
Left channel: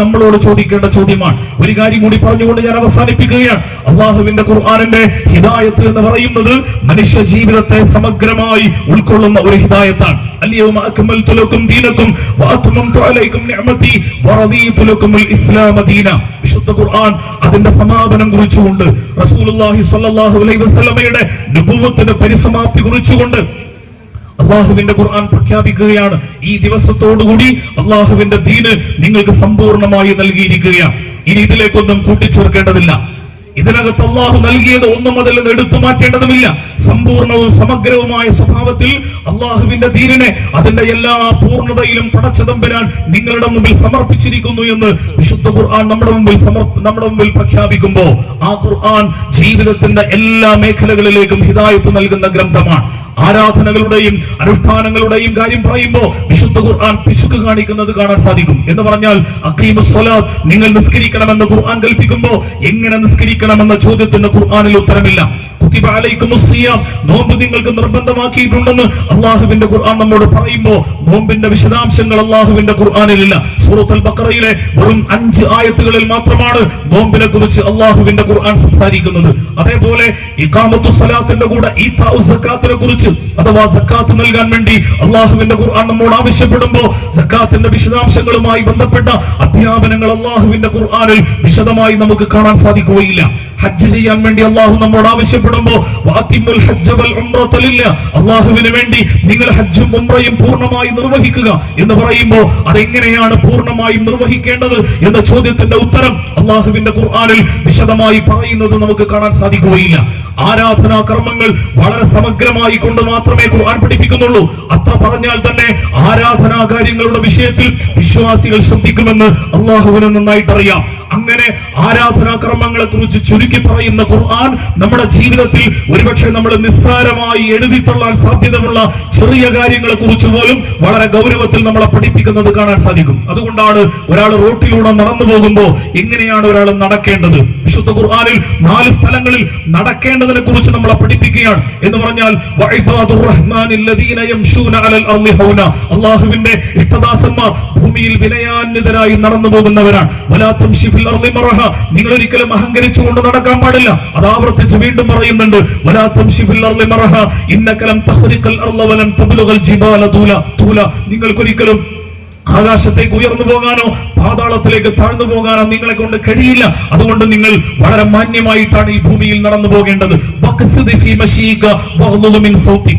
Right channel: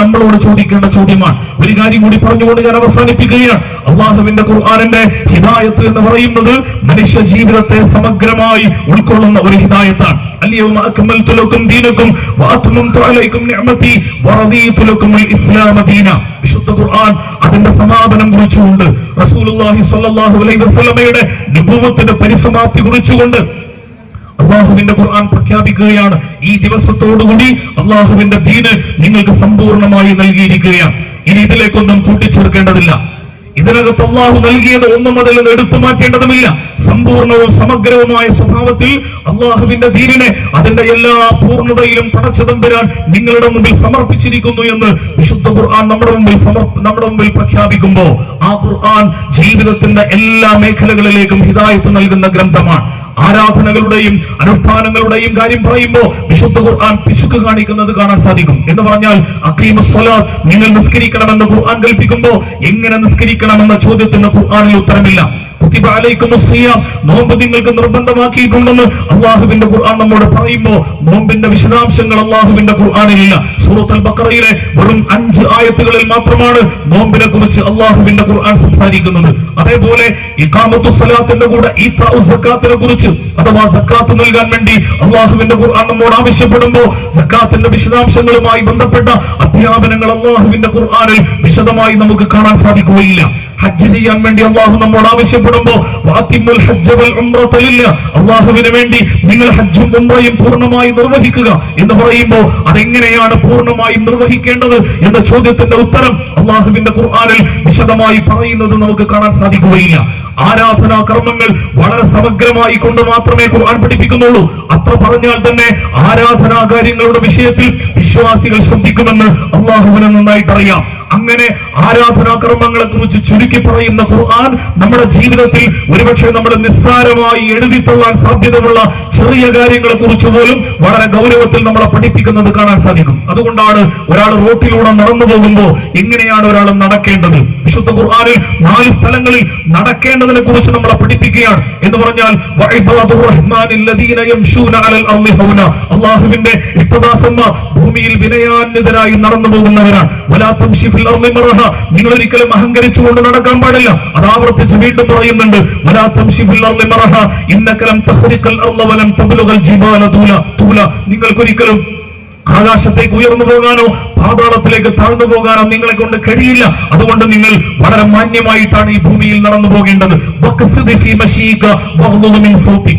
നമ്മളോട് ചോദിക്കേണ്ട ചോദ്യമാണ്. ഒരു കാര്യം കൂടി പറഞ്ഞുകൊണ്ട് ഞാൻ അവസാനിപ്പിക്കുകയാണ്. അള്ളാഹുവിന്റെ ഖുർആനിന്റെ ഹിദായത്ത് എന്ന് പറയുന്നത് മനുഷ്യ ജീവിതത്തെ സമഗ്രമായി ഉൾക്കൊള്ളുന്ന ഒരു ഹിദായത്താണ്. അൽയൗമ അക്മൽതു ലക്കും ദീനക്കും വഅത്മംതു അലൈക്കും നിഅമതി വറദീതു ലക്കുമുൽ ഇസ്ലാമ ദീന. വിശുദ്ധ ഖുർആൻ അതിന്റെ സമാപനം കുറിച്ചുകൊണ്ട് റസൂലുള്ളാഹി സ്വല്ലല്ലാഹു അലൈഹി വസല്ലമയുടെ നബുവത്തിന്റെ പരിസമാപ്തി കുറിച്ചുകൊണ്ട് അള്ളാഹുവിന്റെ ഖുർആൻ പ്രഖ്യാപിക്കുകയാണ്, ഈ ദിവസത്തോടുകൂടി അള്ളാഹുവിന്റെ ദീന് നിങ്ങൾക്ക് സമ്പൂർണമായി നൽകിയിരിക്കുകയാണ്. ഇനി ഇതിലേക്കൊന്നും കൂട്ടിച്ചേർക്കേണ്ടതില്ല. ഇതിനകത്ത് അള്ളാഹു നൽകിയത് ഒന്നും അതിൽ നിന്ന് എടുത്തു മാറ്റേണ്ടതുമില്ല. സമ്പൂർണവും സമഗ്രവുമായ സ്വഭാവത്തിൽ അള്ളാഹുവിന്റെ ദീനിനെ അതിന്റെ എല്ലാ പൂർണ്ണതയിലും പടച്ചതമ്പുരാൻ നിങ്ങളുടെ മുമ്പിൽ സമർപ്പിച്ചിരിക്കുന്നു എന്ന് വിശുദ്ധ ഖുർആൻ നമ്മുടെ മുമ്പിൽ പ്രഖ്യാപിക്കുമ്പോൾ ആ ഖുർആൻ ജീവിതത്തിന്റെ എല്ലാ മേഖലകളിലേക്കും ഹിദായത്ത് നൽകുന്ന ഗ്രന്ഥമാണ്. ആരാധനകളുടെയും അനുഷ്ഠാനങ്ങളുടെയും കാര്യം പറയുമ്പോൾ വിശുദ്ധ ഖുർആൻ പിശുക്ക് കാണിക്കുന്നത് കാണാൻ സാധിക്കും. എന്ന് പറഞ്ഞാൽ അഖീമുസ് സ്വലാത്ത്, നിങ്ങൾ നിസ്കരിക്കണമെന്ന് ഖുർആൻ കൽപ്പിക്കുമ്പോൾ എങ്ങനെ നിസ്കരിക്കണമെന്ന ചോദ്യത്തിന് ഖുർആനിൽ ഉത്തരമില്ല. കുതിബ അലൈക്കുമുസ് സിയാം, നോമ്പ് നിങ്ങൾക്ക് നിർബന്ധമാക്കിയിട്ടുണ്ടെന്ന് അള്ളാഹുവിന്റെ ഖുർആൻ നമ്മോട് പറയുമ്പോൾ നോമ്പിന്റെ വിശദാംശങ്ങൾ അള്ളാഹുവിന്റെ ഖുർആനിലില്ല. സൂറത്തുൽ ബഖറയിലെ വെറും 5 ആയത്തുകളിൽ മാത്രമാണ് നോമ്പിനെ കുറിച്ച് അള്ളാഹുവിന്റെ ഖുർആൻ സംസാരിക്കുന്നത്. അതേപോലെ ഇഖാമത്തുസ് സ്വലാത്തിന്റെ കൂടെ ഈതാഉസ് സക്കാത്തിനെ കുറിച്ച് അഥവാ സക്കാത്ത് നൽകാൻ വേണ്ടി അള്ളാഹുവിന്റെ ഖുർആൻ നമ്മോട് ആവശ്യപ്പെടുമ്പോൾ സക്കാത്തിന്റെ വിശദാംശങ്ങളുമായി ബന്ധപ്പെട്ട അധ്യാപനങ്ങൾ അള്ളാഹുവിന്റെ ഖുർആനിൽ വിശദമായി നമുക്ക് കാണാൻ സാധിക്കുകയില്ല. ഹജ്ജ് ചെയ്യാൻ വേണ്ടി അള്ളാഹു നമ്മോട് ആവശ്യപ്പെടുമ്പോൾ വഅത്തിമുൽ ഹജ്ജ വൽ ഉംറത ലില്ലാഹ്, അള്ളാഹുവിന് വേണ്ടി നിങ്ങൾ ഹജ്ജും ഉംറയും പൂർണ്ണമായി നിർവഹിക്കുക എന്ന് പറയുമ്പോൾ അതെങ്ങനെയാണ് പൂർണ്ണമായി നിർവഹിക്കേണ്ടത് എന്ന ചോദ്യത്തിന്റെ ഉത്തരം അള്ളാഹുവിന്റെ ഖുർആനിൽ വിശദമായി പറയുന്നത് നമുക്ക് കാണാൻ സാധിക്കുകയില്ല. ആരാധനാ കർമ്മങ്ങൾ വളരെ സമഗ്രമായി കൊണ്ട് മാത്രമേ ഖുർആൻ പഠിപ്പിക്കുന്നുള്ളൂ. അത്ര പറഞ്ഞാൽ തന്നെ ആരാധനാ കാര്യങ്ങളുടെ വിഷയത്തിൽ വിശ്വാസികൾ ശ്രദ്ധിക്കുമെന്ന് അള്ളാഹുവിന് നന്നായിട്ട് അറിയാം. അങ്ങനെ ആരാധനാ കർമ്മങ്ങളെ കുറിച്ച് ചുരുക്കി പറയുന്ന ഖുർആൻ നമ്മുടെ ജീവിതത്തിൽ ഒരുപക്ഷെ നമ്മുടെ നിസ്സാരമായി എഴുതിത്തള്ളാൻ സാധ്യതയുള്ള ചെറിയ കാര്യങ്ങളെ കുറിച്ച് പോലും വളരെ ഗൗരവത്തിൽ നമ്മളെ പഠിപ്പിക്കുന്നത് കാണാൻ സാധിക്കും. അതുകൊണ്ടാണ് ഒരാൾ റോട്ടിലൂടെ നടന്നു പോകുമ്പോൾ എങ്ങനെയാണ് ഒരാൾ നടക്കേണ്ടത്, വിശുദ്ധ ഖുർആനിൽ 4 സ്ഥലങ്ങളിൽ നടക്കേണ്ടതിനെ കുറിച്ച് നമ്മളെ പഠിപ്പിക്കുകയാണ്. എന്ന് പറഞ്ഞാൽ അള്ളാഹുവിന്റെ ഇഷ്ടദാസന്മാർ ഭൂമിയിൽ വിനയാന്വിതരായി നടന്നു പോകുന്നവരാണ്. നിങ്ങൾ ഒരിക്കലും അഹങ്കരിച്ചുകൊണ്ട് നടക്കാൻ പാടില്ല. അത് ആവർത്തിച്ച് വീണ്ടും പറയുന്നുണ്ട്, നിങ്ങൾക്കൊരിക്കലും ആകാശത്തേക്ക് ഉയർന്നു പോകാനോ പാതാളത്തിലേക്ക് താഴ്ന്നു പോകാനോ നിങ്ങളെ കൊണ്ട് കഴിയില്ല. അതുകൊണ്ട് നിങ്ങൾ വളരെ മാന്യമായിട്ടാണ് ഈ ഭൂമിയിൽ നടന്നു പോകേണ്ടത്.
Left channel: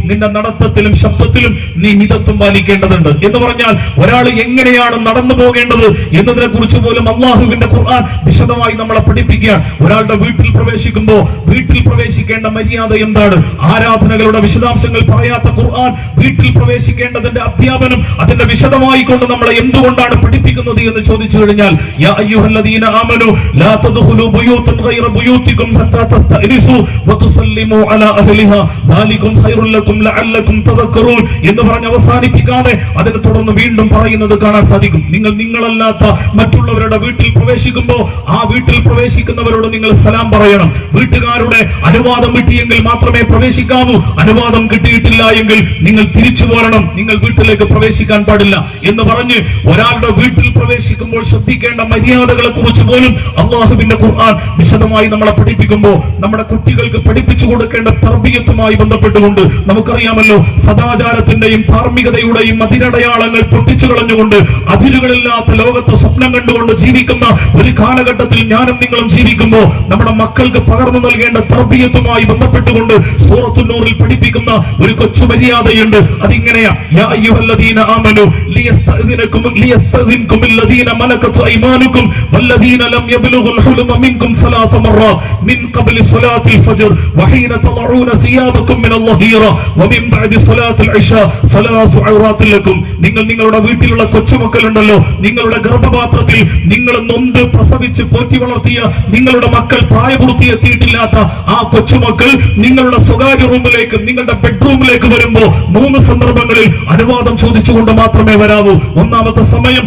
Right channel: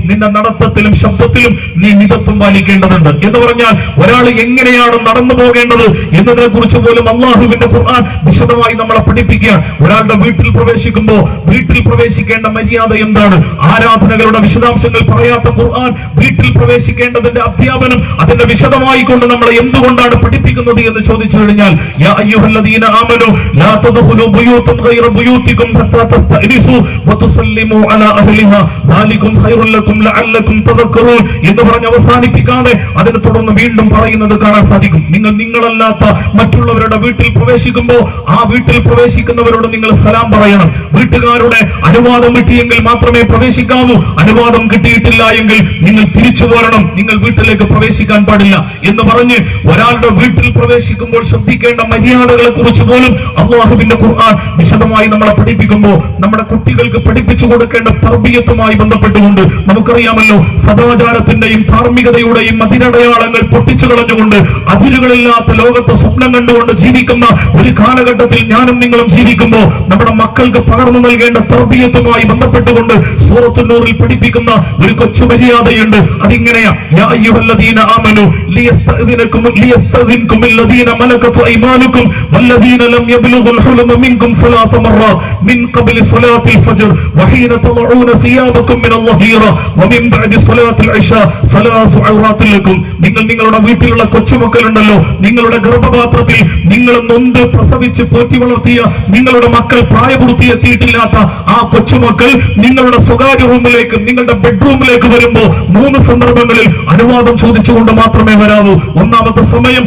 നിന്റെ നടത്തത്തിലും ശബ്ദത്തിലും നീ മിതത്വം പാലിക്കേണ്ടതുണ്ട്. എന്ന് പറഞ്ഞാൽ ഒരാൾ എങ്ങനെയാണ് നടന്നു പോകേണ്ടത് എന്നതിനെ കുറിച്ച് പോലും അള്ളാഹുവിന്റെ ഖുർആൻ വിശദമായി നമ്മളെ പഠിപ്പിക്കുകയാണ്. ഒരാളുടെ വീട്ടിൽ പ്രവേശിക്കുമ്പോൾ വീട്ടിൽ പ്രവേശിക്കേണ്ട മര്യാദ എന്താണ്, ആരാധനകളുടെ വിശദാംശങ്ങൾ പറയാത്ത ഖുർആൻ വീട്ടിൽ പ്രവേശിക്കേണ്ടതിന്റെ അധ്യാപനം അതിന്റെ വിശദമായി കൊണ്ട് നമ്മളെ എന്തുകൊണ്ടാണ് പഠിപ്പിക്കുന്നത് എന്ന് ചോദിച്ചു കഴിഞ്ഞാൽ യാ അയ്യുഹല്ലദീന ആമനൂ ലാ തദ്ഖുലൂ ബുയൂതൻ ഗൈറ ബുയൂതികും ഹത്താ തസ്തഅനിസു വതുസല്ലിമു അലാ അഹ്ലിഹാ ദാലികും ഖൈറുൽ ലക്കും ലഅല്ലകും തദക്കറൂൻ എന്ന് പറഞ്ഞ് അവസാനിപ്പിക്കാതെ അതിനെ തുടർന്ന് വീണ്ടും പറയുന്നത് കാണാൻ സാധിക്കും. നിങ്ങൾ നിങ്ങളല്ലാത്ത മറ്റുള്ളവരുടെ വീട്ടിൽ പ്രവേശിക്കുമ്പോൾ ആ വീട്ടിൽ പ്രവേശിക്കുന്നവരോട് നിങ്ങൾ സലാം പറയണം. വീട്ടുകാരുടെ അനുവാദം കിട്ടിയെങ്കിൽ മാത്രമേ പ്രവേശിക്കാവൂ. അനുവാദം കിട്ടിയിട്ടില്ല എങ്കിൽ നിങ്ങൾ തിരിച്ചു പോരണം, നിങ്ങൾ വീട്ടിലേക്ക് പ്രവേശിക്കാൻ പാടില്ല എന്ന് പറഞ്ഞ് ഒരാളുടെ വീട്ടിൽ പ്രവേശിക്കുമ്പോൾ ശ്രദ്ധിക്കേണ്ട മര്യാദകളെ കുറിച്ച് പോലും അള്ളാഹുവിന്റെ ഖുർആൻ വിശദമായി നമ്മളെ പഠിപ്പിക്കുമ്പോൾ നമ്മുടെ കുട്ടികൾക്ക് പഠിപ്പിച്ചു കൊടുക്കേണ്ട തർബിയത്തുമായി ബന്ധപ്പെട്ടുകൊണ്ട് നമുക്കറിയാമല്ലോ, സദാചാരത്തിന്റെയും ധാർമ്മികതയുടെയും അതിരടയാളങ്ങൾ പൊട്ടിച്ചു കളഞ്ഞുകൊണ്ട് അതിരുകളില്ലാത്ത ലോകത്തെ സ്വപ്നം കണ്ടുകൊണ്ട് ജീവിക്കുന്ന ഒരു കാലഘട്ടത്തിൽ ഞാനും നിങ്ങളും ജീവിക്കുമ്പോൾ നമ്മുടെ മക്കൾക്ക് പകർന്നു നൽകേണ്ട തർബിയത്തുമായി ബന്ധപ്പെട്ടുകൊണ്ട് സൂറത്തുൻ നൂറിൽ പഠിപ്പിക്കുന്ന ഒരു കൊച്ചു മര്യാദയുണ്ട്. അതിങ്ങനെയാ, യാ അയ്യുഹല്ലദീന ആമനൂ ലിയസ്തഅ്ദിന ലിയസ്തദിൻകും അല്ലദീന മലകത് അയ്മാനുകും വല്ലദീന ലം യബ്ലുഗുൽ ഹുലുമ മിൻകും സലാസ മറات മിൻ ഖബ്ലി സ്വലാത്തിൽ ഫജ്ർ വഹീന തളഊന സിയാബകും മിനൽ ലഹീറ വമിൻ ബഅദി സ്വലാത്തിൽ ഇശാ സലാസു ഔറാത്തിൽ ലക്കും. നിങ്ങൾ നിങ്ങളുടെ വീട്ടിലുള്ള കൊച്ചുമക്കളുണ്ടല്ലോ, നിങ്ങളുടെ ഗർഭപാത്രത്തിൽ നിങ്ങൾ നൊന്ത് പ്രസവിച്ച് പോറ്റി വളർത്തിയ നിങ്ങളുടെ മക്കൾ പ്രായപൂർത്തിയെത്തിയിട്ടില്ലാത്ത ആ കൊച്ചുമക്കൾ നിങ്ങളുടെ സ്വകാര്യ റൂമിലേക്ക്, നിങ്ങളുടെ ബെഡ്റൂമിലേക്ക് വരുമ്പോ 3 സന്ദർഭങ്ങളിൽ അനുവാദം ചോദിച്ചുകൊണ്ട് മാത്രമേ വരാവൂ. ഒന്നാമത്തെ സമയം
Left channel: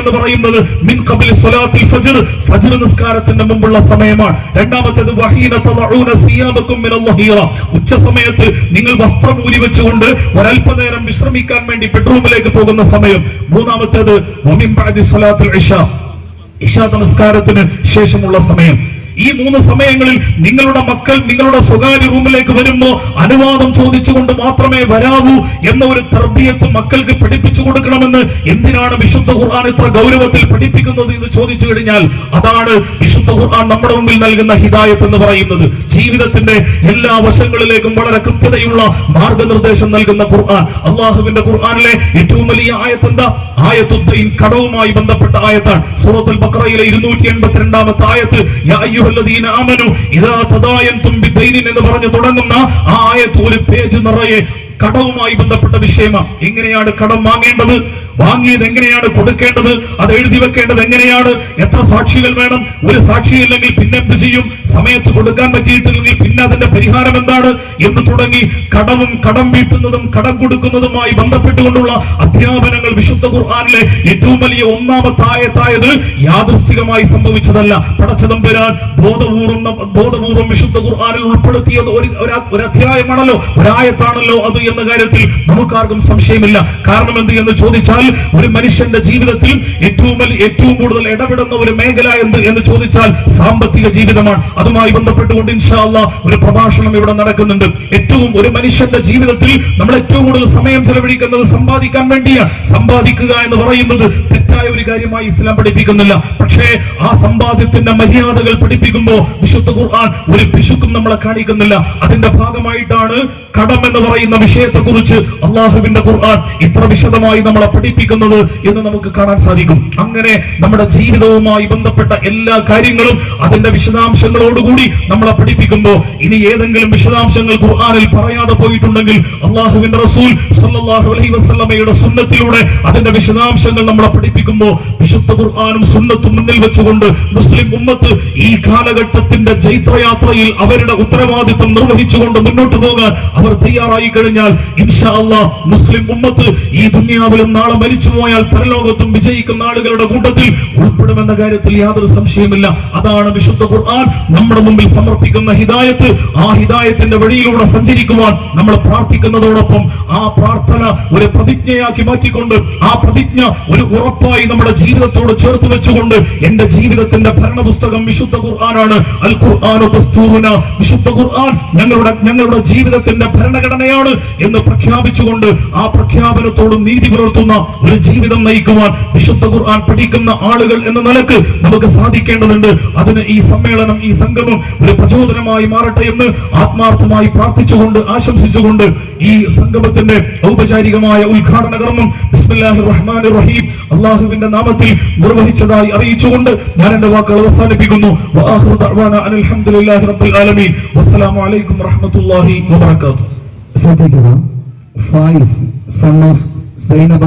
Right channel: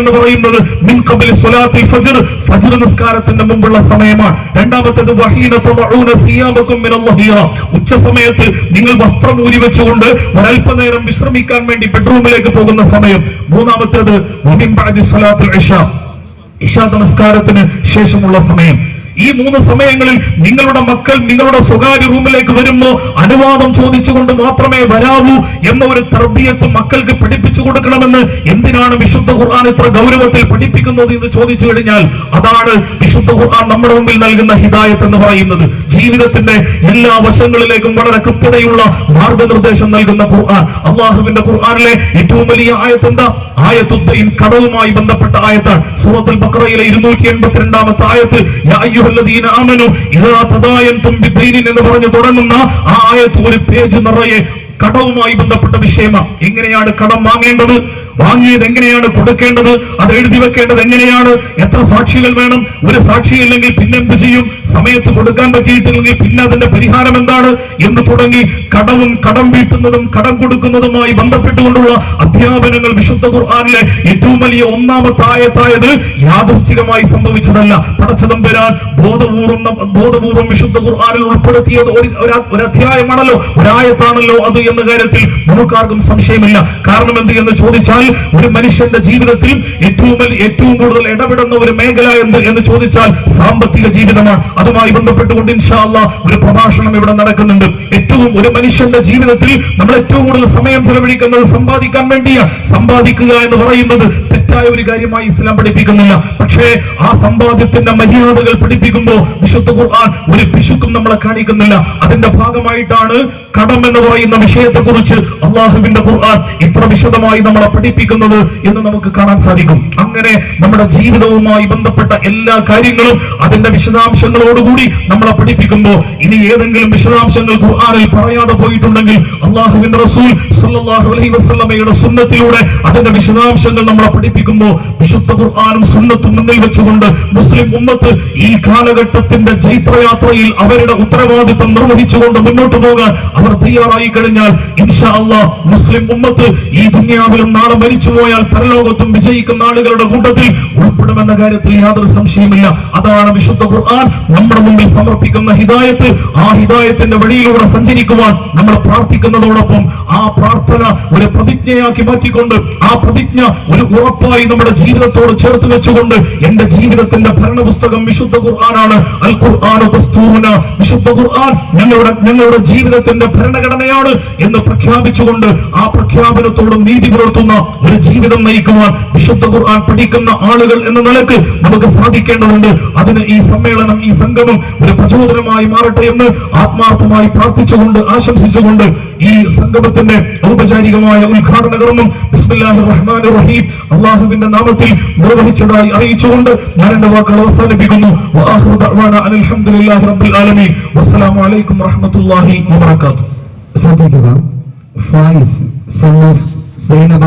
എന്ന് പറയുന്നത് മിൻ ഖബ്ലി സ്വലാത്തിൽ ഫജ്ർ, ഫജ്ർ നിസ്കാരത്തിന്റെ മുമ്പുള്ള സമയമാണ്. രണ്ടാമത്തേത് വഹീന തളഊന സിയാബകും മിനൽ ലഹീറ, ഉച്ച സമയത്ത് നിങ്ങൾ വസ്ത്രം ഊരി വെച്ചുകൊണ്ട് ഒരൽപനേരം വിശ്രമിക്കാൻ വേണ്ടി ബെഡ്റൂമിലേക്ക് പോകുന്ന സമയം. മൂന്നാമത്തേത് വമിൻ ബഅദി സ്വലാത്തിൽ ഇശാ നമസ്കാരത്തിന് ശേഷമുള്ള സമയം. ഈ 3 സമയങ്ങളിൽ നിങ്ങളുടെ മക്കൾ നിങ്ങളുടെ സ്വകാര്യ റൂമിലേക്ക് വരുമ്പോ അനുവാദം ചോദിച്ചുകൊണ്ട് മാത്രമേ വരാവൂ എന്ന ഒരു തർബിയത്ത് മക്കൾക്ക് പഠിപ്പിച്ചു കൊടുക്കണമെന്ന് എന്തിനാണ് വിശുദ്ധ ഖുർആൻ ഇത്ര ഗൗരവത്തിൽ പഠിപ്പിക്കുന്നത് എന്ന് ചോദിച്ചു കഴിഞ്ഞാൽ അതാണ് വിശുദ്ധ ഖുർആൻ നമ്മുടെ മുമ്പിൽ നൽകുന്ന ഹിദായത്ത് എന്ന് പറയുന്നത്. ജീവിതത്തിന്റെ എല്ലാ വശങ്ങളിലേക്കും വളരെ കൃത്യതയുള്ള മാർഗനിർദ്ദേശം നൽകുന്ന ഖുർആൻ. അള്ളാഹുവിന്റെ ഖുർആനിലെ ഏറ്റവും വലിയ ആയത്ത് എന്താ? ആയത്തുദ്ദീൻ, കടവുമായി ബന്ധപ്പെട്ട ആയത്താണ്. സൂറത്തുൽ ബഖറയിലെ 282-ാമത്തെ ആയത്ത് യാ അയ്യുഹല്ലദീന ആമനു ഇദാ തദായൻതും ബിദൈനിൻ എന്ന് പറഞ്ഞു തുടങ്ങുന്ന ആ ആയത്ത് ഒരു പേജ് നിറയെ കടവുമായി ബന്ധപ്പെട്ട വിഷയമാണ്. എങ്ങനെയാണ് കടം വാങ്ങേണ്ടത്, വാങ്ങിയത് എങ്ങനെയാണ് കൊടുക്കേണ്ടത്, അത് എഴുതി വെക്കേണ്ടത് എങ്ങനെയാണ്, എത്ര സാക്ഷികൾ വേണം, ഒരു സാക്ഷിയില്ലെങ്കിൽ പിന്നെന്ത് ചെയ്യും, സമയത്ത് കൊടുക്കാൻ പറ്റിയിട്ടില്ലെങ്കിൽ പിന്നെ അതിന്റെ പരിഹാരം എന്താണ് എന്ന് തുടങ്ങി കടവും കടം വീട്ടുന്നതും കടം കൊടുക്കുന്നതുമായി ബന്ധപ്പെട്ടുകൊണ്ടുള്ള അധ്യാപനങ്ങൾ വിശുദ്ധ ഖുർആനിലെ ഏറ്റവും വലിയ ഒന്നാമത്തെ ആയത്തായത് യാദൃശ്ചികമായി സംഭവിച്ചതല്ല. പടച്ചതമ്പുരാൻ ബോധപൂർവം വിശുദ്ധ ഖുർആനിൽ ഉൾപ്പെടുത്തിയത് ഒരു അധ്യായമാണല്ലോ, ഒരായത്താണല്ലോ അത് എന്ന കാര്യത്തിൽ നമുക്കാർക്കും സംശയമില്ല. കാരണം എന്ത് എന്ന് ചോദിച്ചാൽ ഒരു മനുഷ്യന്റെ ജീവിതത്തിൽ ഏറ്റവും കൂടുതൽ ഇടപെടുന്ന ഒരു മേഖല എന്ന് ചോദിച്ചാൽ സാമ്പത്തിക ജീവിതമാണ്. അതുമായി ബന്ധപ്പെട്ടുകൊണ്ട് ഇൻഷാ അല്ലാഹ് ഒരു പ്രഭാഷണം ഇവിടെ നടക്കുന്നുണ്ട്. ഒരു മനുഷ്യന്റെ ജീവിതത്തിൽ നമ്മൾ ഏറ്റവും കൂടുതൽ സമയം ചെലവഴിക്കുന്നത് സമ്പാദിക്കാൻ വേണ്ടിയാണ്. സമ്പാദിക്കുക എന്ന് പറയുന്നത് തെറ്റായ ഒരു കാര്യമായി ഇസ്ലാം പഠിപ്പിക്കുന്നില്ല. പക്ഷേ ആ സമ്പാദ്യത്തിന്റെ മര്യാദകൾ പഠിപ്പിക്കുമ്പോൾ വിശുദ്ധ ഖുർആൻ ഒരു പിശുക്കും നമ്മളെ കാണിക്കുന്നില്ല. അതിന്റെ ഭാഗമായിട്ടാണ് കടം എന്ന് പറയുന്ന വിഷയത്തെ കുറിച്ച് അള്ളാഹുവിന്റെ ഖുർആൻ ഇത്ര വിശദമായി നമ്മളെ പഠിപ്പിക്കുന്നത് എന്ന് നമുക്ക് കാണാൻ സാധിക്കും. അങ്ങനെ നമ്മുടെ ജീവിതവുമായി ബന്ധപ്പെട്ട എല്ലാ കാര്യങ്ങളും അതിന്റെ വിശദാംശങ്ങളോടുകൂടി നമ്മളെ പഠിപ്പിക്കുമ്പോൾ ഇനി ഏതെങ്കിലും വിശദാംശങ്ങൾ ഖുർആനിൽ പറയാതെ പോയിട്ടുണ്ടെങ്കിൽ അള്ളാഹുവിന്റെ റസൂൽ സ്വല്ലല്ലാഹു അലൈഹി വസല്ലമയുടെ സുന്നത്തിലൂടെ അതിന്റെ വിശദാംശങ്ങൾ നമ്മളെ പഠിപ്പിക്കുമ്പോൾ വിശുദ്ധ ഖുർആനും സുന്നത്തും മുന്നിൽ വെച്ചുകൊണ്ട് മുസ്ലിം ഉമ്മത്ത് ഈ കാലഘട്ടത്തിന്റെ ജൈത്രയാത്രയിൽ അവരുടെ ഉത്തരവാദിത്വം നിർവഹിച്ചുകൊണ്ട് മുന്നോട്ട് പോകാൻ അവർ തയ്യാറായി കഴിഞ്ഞാൽ ഇൻഷാ അല്ലാഹ് മുസ്ലിം ഉമ്മത്ത് ഈ ദുനിയാവിലും നാളെ മരിച്ചുപോയാൽ പരലോകത്തും വിജയിക്കുന്ന ആളുകളുടെ കൂട്ടത്തിൽ ഉൾപ്പെടുമെന്ന കാര്യത്തിൽ യാതൊരു സംശയമില്ല. അതാണ് വിശുദ്ധ ഖുർആൻ നമ്മുടെ മുമ്പിൽ സമർപ്പിക്കുന്ന ഹിദായത്ത്. ആ ഹിദായത്തിന്റെ വഴിയിലൂടെ സഞ്ചരിക്കുവാൻ നമ്മൾ പ്രാർത്ഥിക്കുന്നതോടൊപ്പം ആ പ്രാർത്ഥന ഒരു പ്രതിജ്ഞയാക്കി മാറ്റിക്കൊണ്ട് ആ പ്രതിജ്ഞ ഒരു ഉറപ്പായി നമ്മുടെ ജീവിതത്തോട് ചേർത്ത് വെച്ചുകൊണ്ട് എന്റെ ജീവിതത്തിന്റെ ഭരണപുസ്തകം വിശുദ്ധ ഖുർആനാണ്. അൽ ഖുർആനു ദസ്തൂറുന, വിശുദ്ധ ഖുർആൻ ഞങ്ങളുടെ ജീവിതത്തിന്റെ ഭരണഘടനയാണ് എന്ന് പ്രഖ്യാപിച്ചുകൊണ്ട് ആ പ്രഖ്യാപനത്തോട് നീതി പുലർത്തുന്ന ഒരു ജീവിതം നയിക്കുവാൻ വിശുദ്ധ ഖുർആൻ പഠിക്കുന്ന ആളുകൾ എന്ന നിലക്ക് നമുക്ക് സാധിക്കേണ്ടതുണ്ട്. അതിന് ഈ സമ്മേളനം, ഈ സംഗമം ഒരു പ്രചോദനമായി മാറട്ടെ എന്ന് ആത്മാർത്ഥമായി പ്രാർത്ഥിച്ചുകൊണ്ട് ആശംസിച്ചുകൊണ്ട് ഈ സംഗമത്തിന്റെ ഔപചാരികമായ ഉദ്ഘാടന കർമ്മം ബിസ്മില്ലാഹിർ റഹ്മാനിർ റഹീം അല്ലാഹുവിന്റെ നാമത്തിൽ നിർവഹിച്ചതായി അറിയിച്ചുകൊണ്ട് ഞാൻ എന്റെ വാക്കുകൾ അവസാനിപ്പിക്കുന്നു. വആഖിറു ദഅ്വാനാ അനിൽ ഹംദുലില്ലാഹി റബ്ബിൽ ആലമീൻ. വസ്സലാമു അലൈക്കും വറഹ്മത്തുള്ളാഹി വബറകാതുഹു. Fayis, son of Zainab